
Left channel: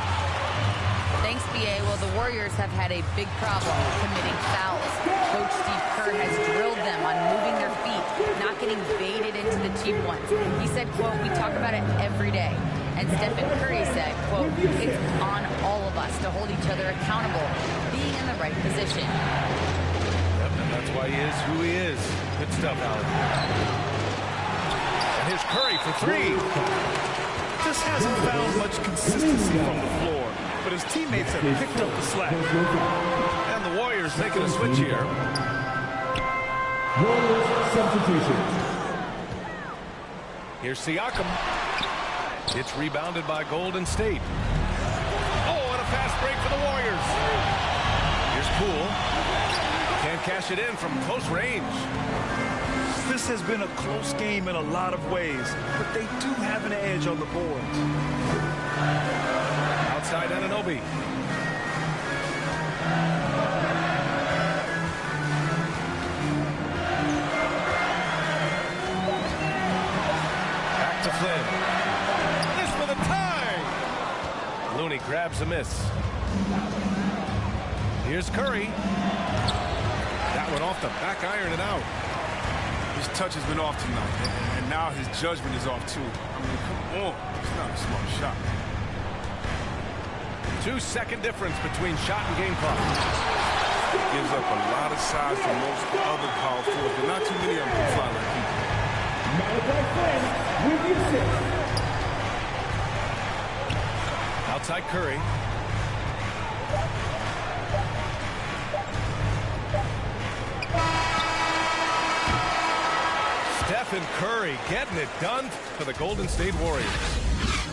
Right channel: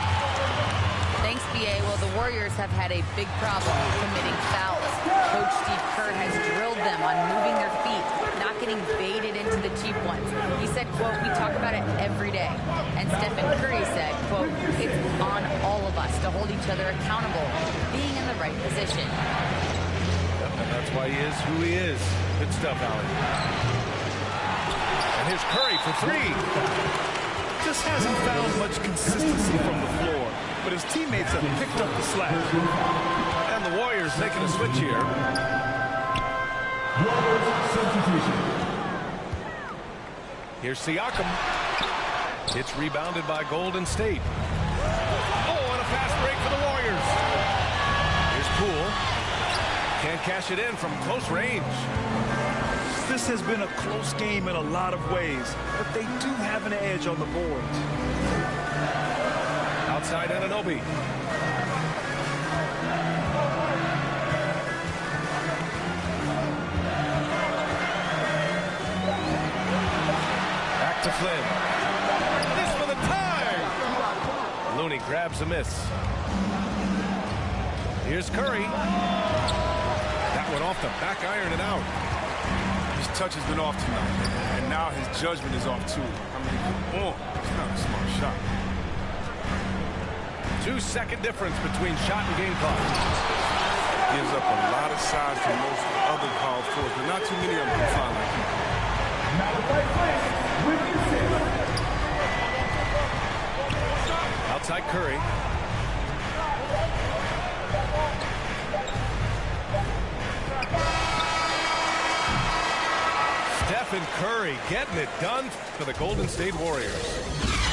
Thanks, BA. Well, the Warriors have had a big problem committing fouls. Coach Steve Kerr has drilled them on moving their feet, not getting baited into the cheap ones. He said, quote, "We talk about it every day." And Stephen Curry said, quote, "It's on all of us to hold each other accountable, being in the right position." Yep, and that's why he is who he is. Good stuff, Allie. And here's Curry for three. Just hasn't found much consistency from the floor, but his teammates have picked up the slack. And the Warriors making a switch here. Warriors substitution. Here's Siakam. It's rebounded by Golden State. Oh, and a fast break for the Warriors. Here's Poole. Can't cash it in from close range. This has been a close game in a lot of ways, but they do have an edge on the boards. Outside Anunoby. Back to Flynn. This for the tie. Looney grabs a miss. Here's Curry. That one off the back iron and out. His touch has been off tonight, and now his judgment is off too. I mean, come on. It's not a smart shot. 2-second difference between shot and game clock. He gives up a lot of size to most other power forwards, but not too many of them can fly like he can. With you 6. Outside Curry. Stephen Curry getting it done for the Golden State Warriors.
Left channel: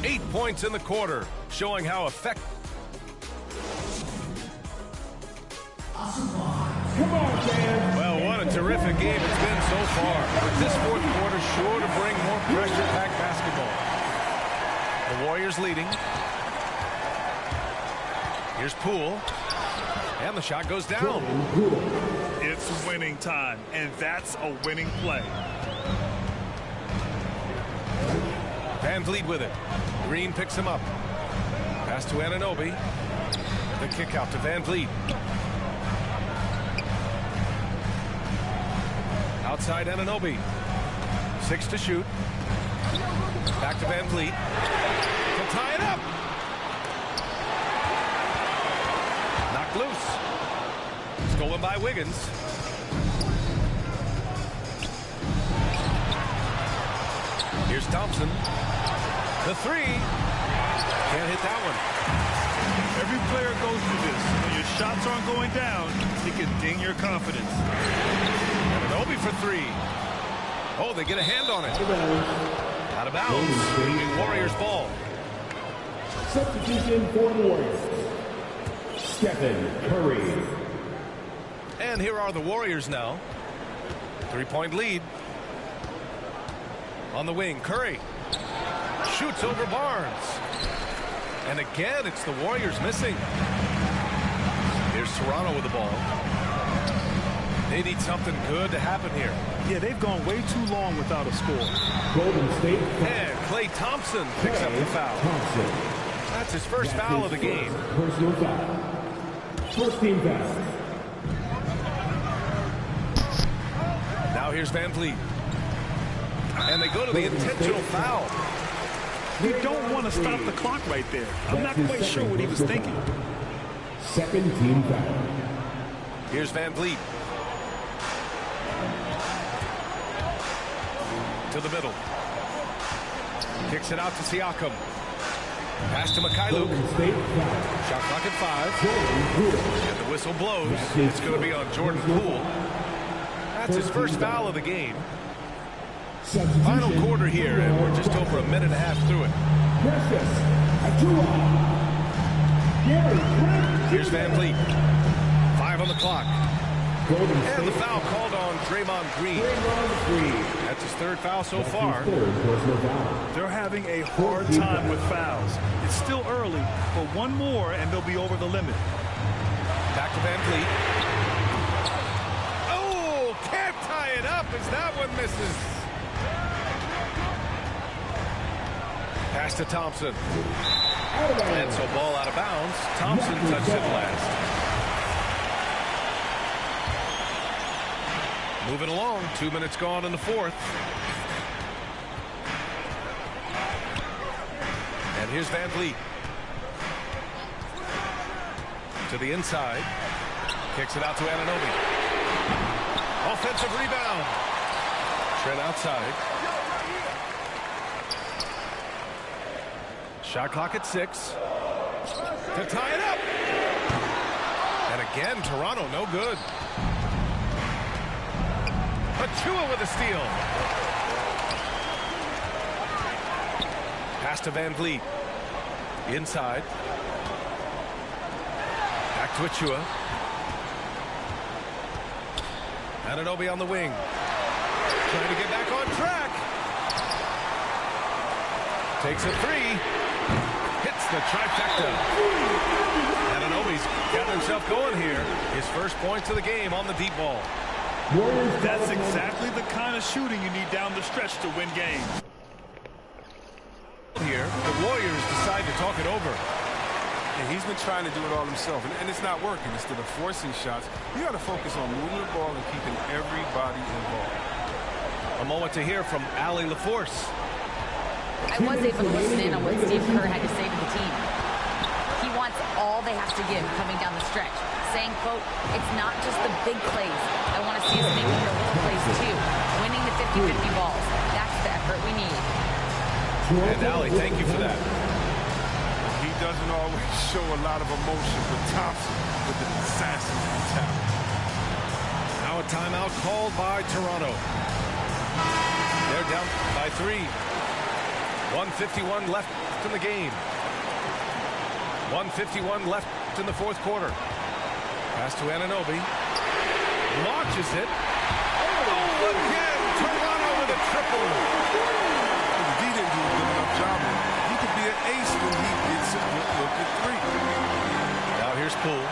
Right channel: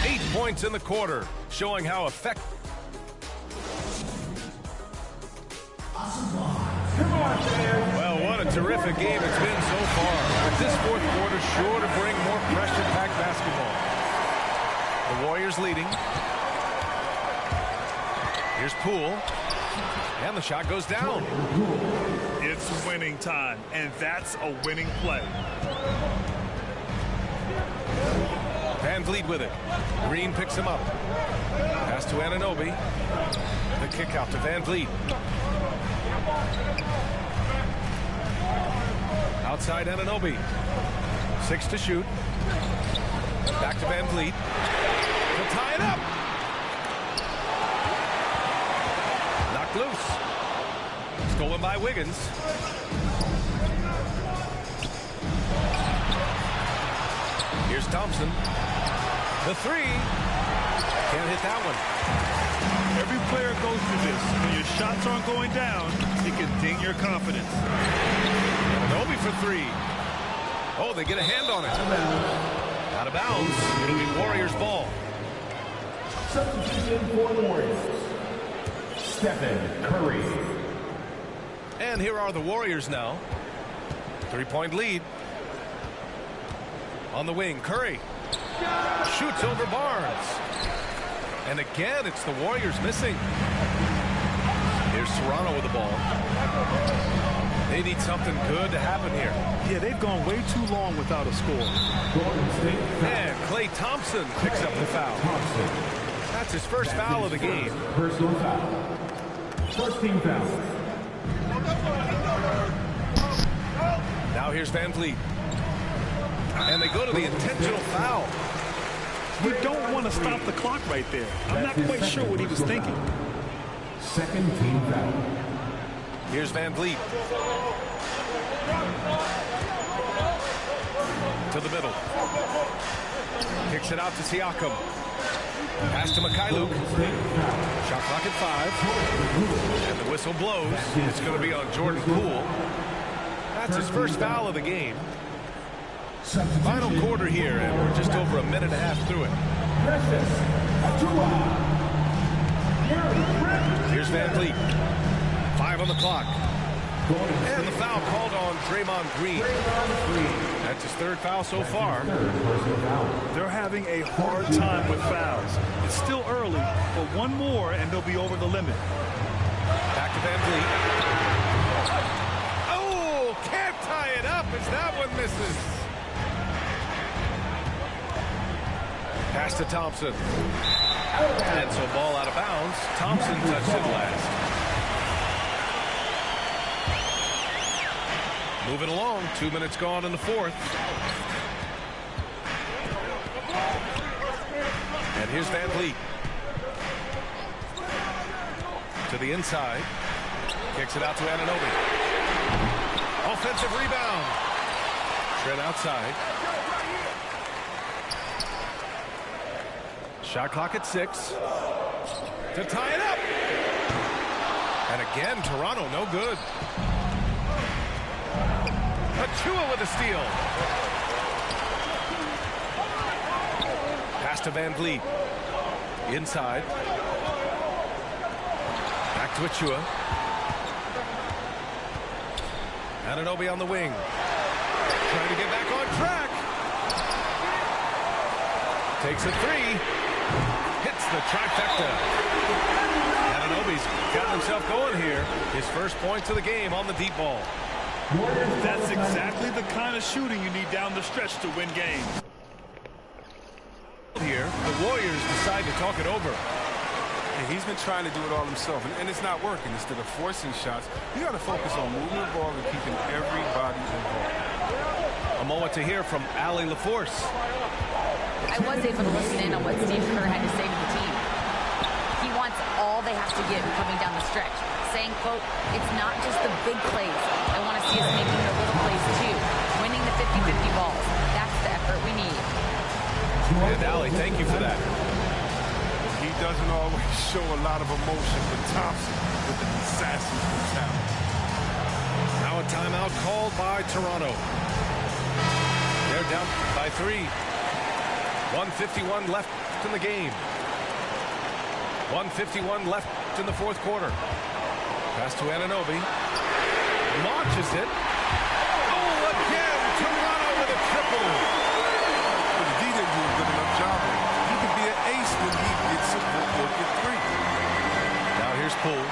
8 points in the quarter, showing how effective. Well, what a terrific game it's been so far. With this fourth quarter sure to bring more pressure-packed basketball. The Warriors leading. Here's Poole. And the shot goes down. It's winning time, and that's a winning play. Van Vliet with it. Green picks him up. Pass to Anunoby. The kick out to Van Vliet. Outside Anunoby. 6 to shoot. Back to Van Vliet. To tie it up. Knocked loose. Stolen by Wiggins. Here's Thompson. The three. Can't hit that one. Every player goes through this. When your shots aren't going down, it can ding your confidence. Anunoby for 3. Oh, they get a hand on it. Out of bounds. It'll be Warriors ball. Substitution for the Warriors. Stephen Curry. And here are the Warriors now. 3-point lead. On the wing, Curry. Shoots over Barnes. And again, it's the Warriors missing. Here's Toronto with the ball. They need something good to happen here. Yeah, they've gone way too long without a score. Golden State. And Klay Thompson picks up the foul. Thompson. That's his first foul of the game. Personal foul. First team foul. Now here's Van Vliet. And they go to the intentional foul. You don't want to stop the clock right there. I'm not quite sure what he was thinking. Second team foul. Here's Van Vliet. To the middle. Kicks it out to Siakam. Pass to Mikhailuk. Shot clock at 5. And the whistle blows. It's going to be on Jordan Poole. That's his first foul of the game. Final quarter here, and we're just over a minute and a half through it. Here's Van Vliet. 5 on the clock. And the foul called on Draymond Green. That's his 3rd foul so far. They're having a hard time with fouls. It's still early, but one more and they'll be over the limit. Back to Van Vliet. Oh, can't tie it up as that one misses. Pass to Thompson. And so ball out of bounds. Thompson touched it last. Moving along. 2 minutes gone in the 4th. And here's Van Vliet. To the inside. Kicks it out to Anunoby. Offensive rebound. Trent outside. Shot clock at 6. To tie it up. And again, Toronto no good. Achua with a steal. Pass to Van Vliet. Inside. Back to Achua. Anunoby on the wing. Trying to get back on track. Takes a 3. Hits the trifecta. Anunoby's gotten himself going here. His first points of the game on the deep ball. That's exactly the kind of shooting you need down the stretch to win games. Here, the Warriors decide to talk it over. And he's been trying to do it all himself, and it's not working. Instead of forcing shots, you got to focus on moving the ball and keeping everybody involved. A moment to hear from Allie LaForce. I was able to listen in on what Steve Kerr had to say to the team. He wants all they have to give coming down the stretch. saying, quote, it's not just the big plays. I want to see us making the little plays too. Winning the 50-50 balls. That's the effort we need. And Allie, thank you for that. Well, he doesn't always show a lot of emotion, but Thompson with the assassin's mentality. Now a timeout called by Toronto. They're down by 3. 1:51 left in the game. 1:51 left in the fourth quarter. Pass to Anunoby. Launches it. Oh, again! Toronto with a triple. Well, the D didn't do a good enough job with him. He could be an ace when he gets a good look at 3. Now here's Poole.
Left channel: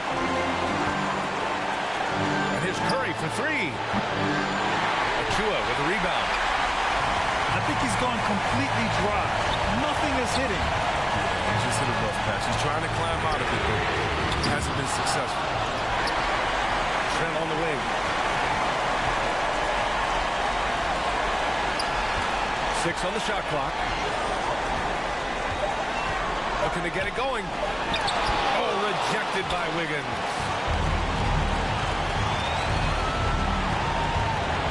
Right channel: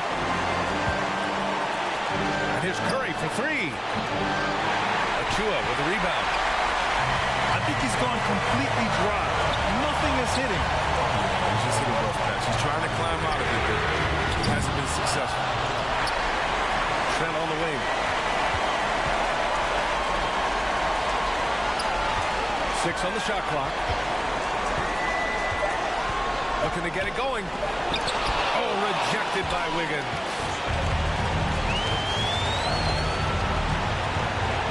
And here's Curry for 3. Achua with the rebound. I think he's gone completely dry. Nothing is hitting. Yeah, he's just hit a rough patch. He's trying to climb out of it, but he hasn't been successful. Trent on the wing. 6 on the shot clock. Looking to get it going. Oh, rejected by Wiggins.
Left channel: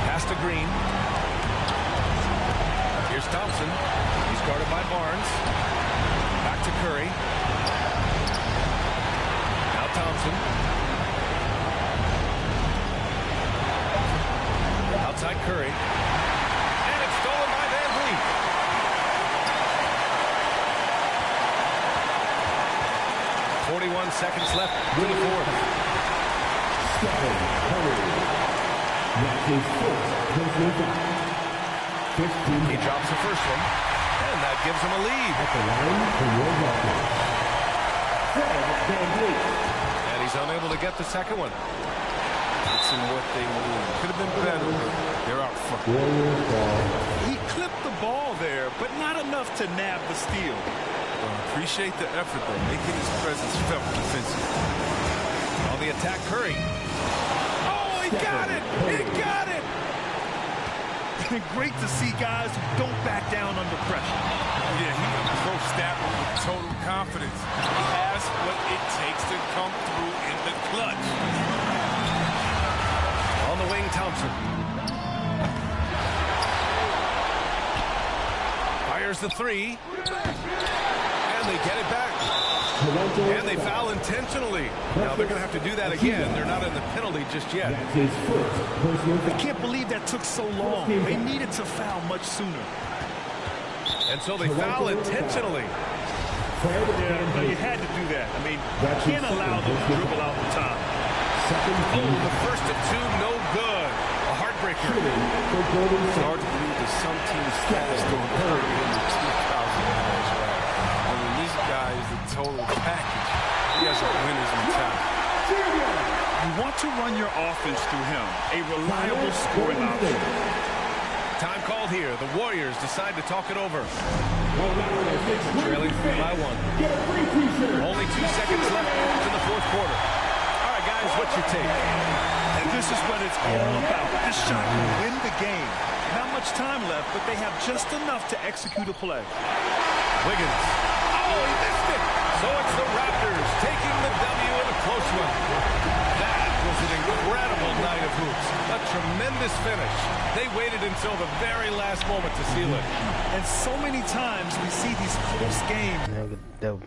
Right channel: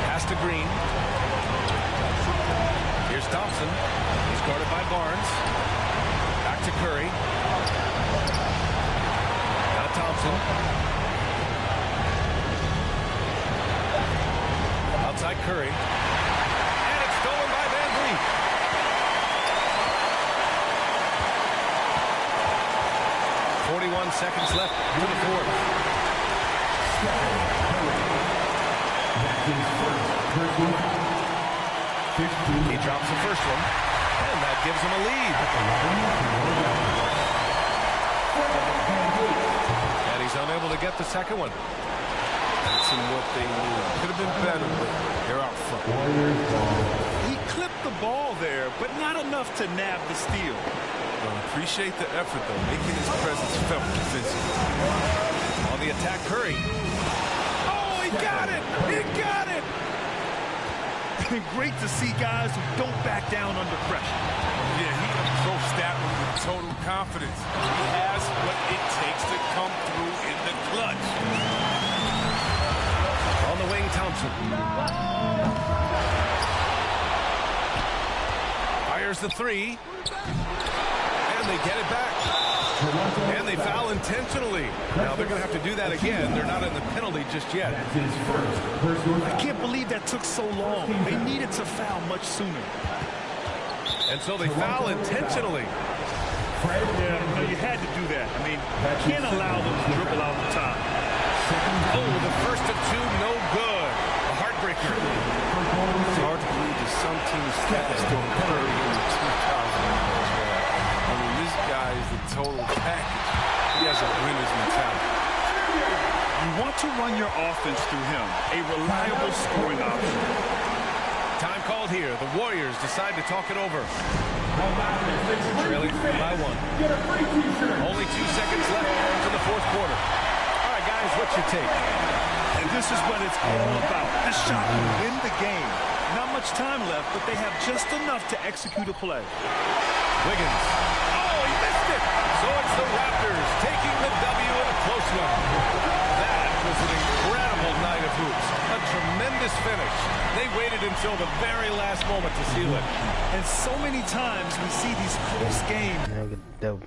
Pass to Green. Here's Thompson. He's guarded by Barnes. Back to Curry. Now Thompson. Outside Curry. And it's stolen by Van Vliet. .41 seconds left to the fourth. Stephen Curry. That's his first personal foul. 15. He drops the first one, and that gives him a lead. At the line for your record. Fred Van Vliet. And he's unable to get the second one. It's in what they need. Could have been better, but they're out front. Warriors ball. He clipped the ball there, but not enough to nab the steal. Appreciate the effort, though, making his presence felt defensively. On the attack, Curry. Oh, he got it! He got it! Great to see guys who don't back down under pressure. Yeah, he approached that one with total confidence. He has what it takes to come through in the clutch. On the wing, Thompson. Fires the 3. And they get it back. And they foul intentionally. Now they're going to have to do that again. They're not in the penalty just yet. That's his first personal foul. I can't believe that took so long. They needed to foul much sooner. And so they foul intentionally. Yeah, no, you had to do that. I mean, you can't allow them to dribble out the time. Oh, the first of 2, no good. A heartbreaker. It's hard to believe that some teams fast on Curry in the 2,000 miles ride. I mean, this guy is the total package. He has a winner's mentality. You want to run your offense through him, a reliable scoring option. Time called here. The Warriors decide to talk it over. Trailing by 1. Only 2 seconds left to the fourth quarter. All right, guys, what's your take? And this is what it's all about. This shot can win the game. Not much time left, but they have just enough to execute a play. Wiggins. Oh, he missed it. So it's the Raptors taking the W in a close one. That was an incredible night of hoops. A tremendous finish. They waited until the very last moment to seal it. And so many times we see these close games. Negative.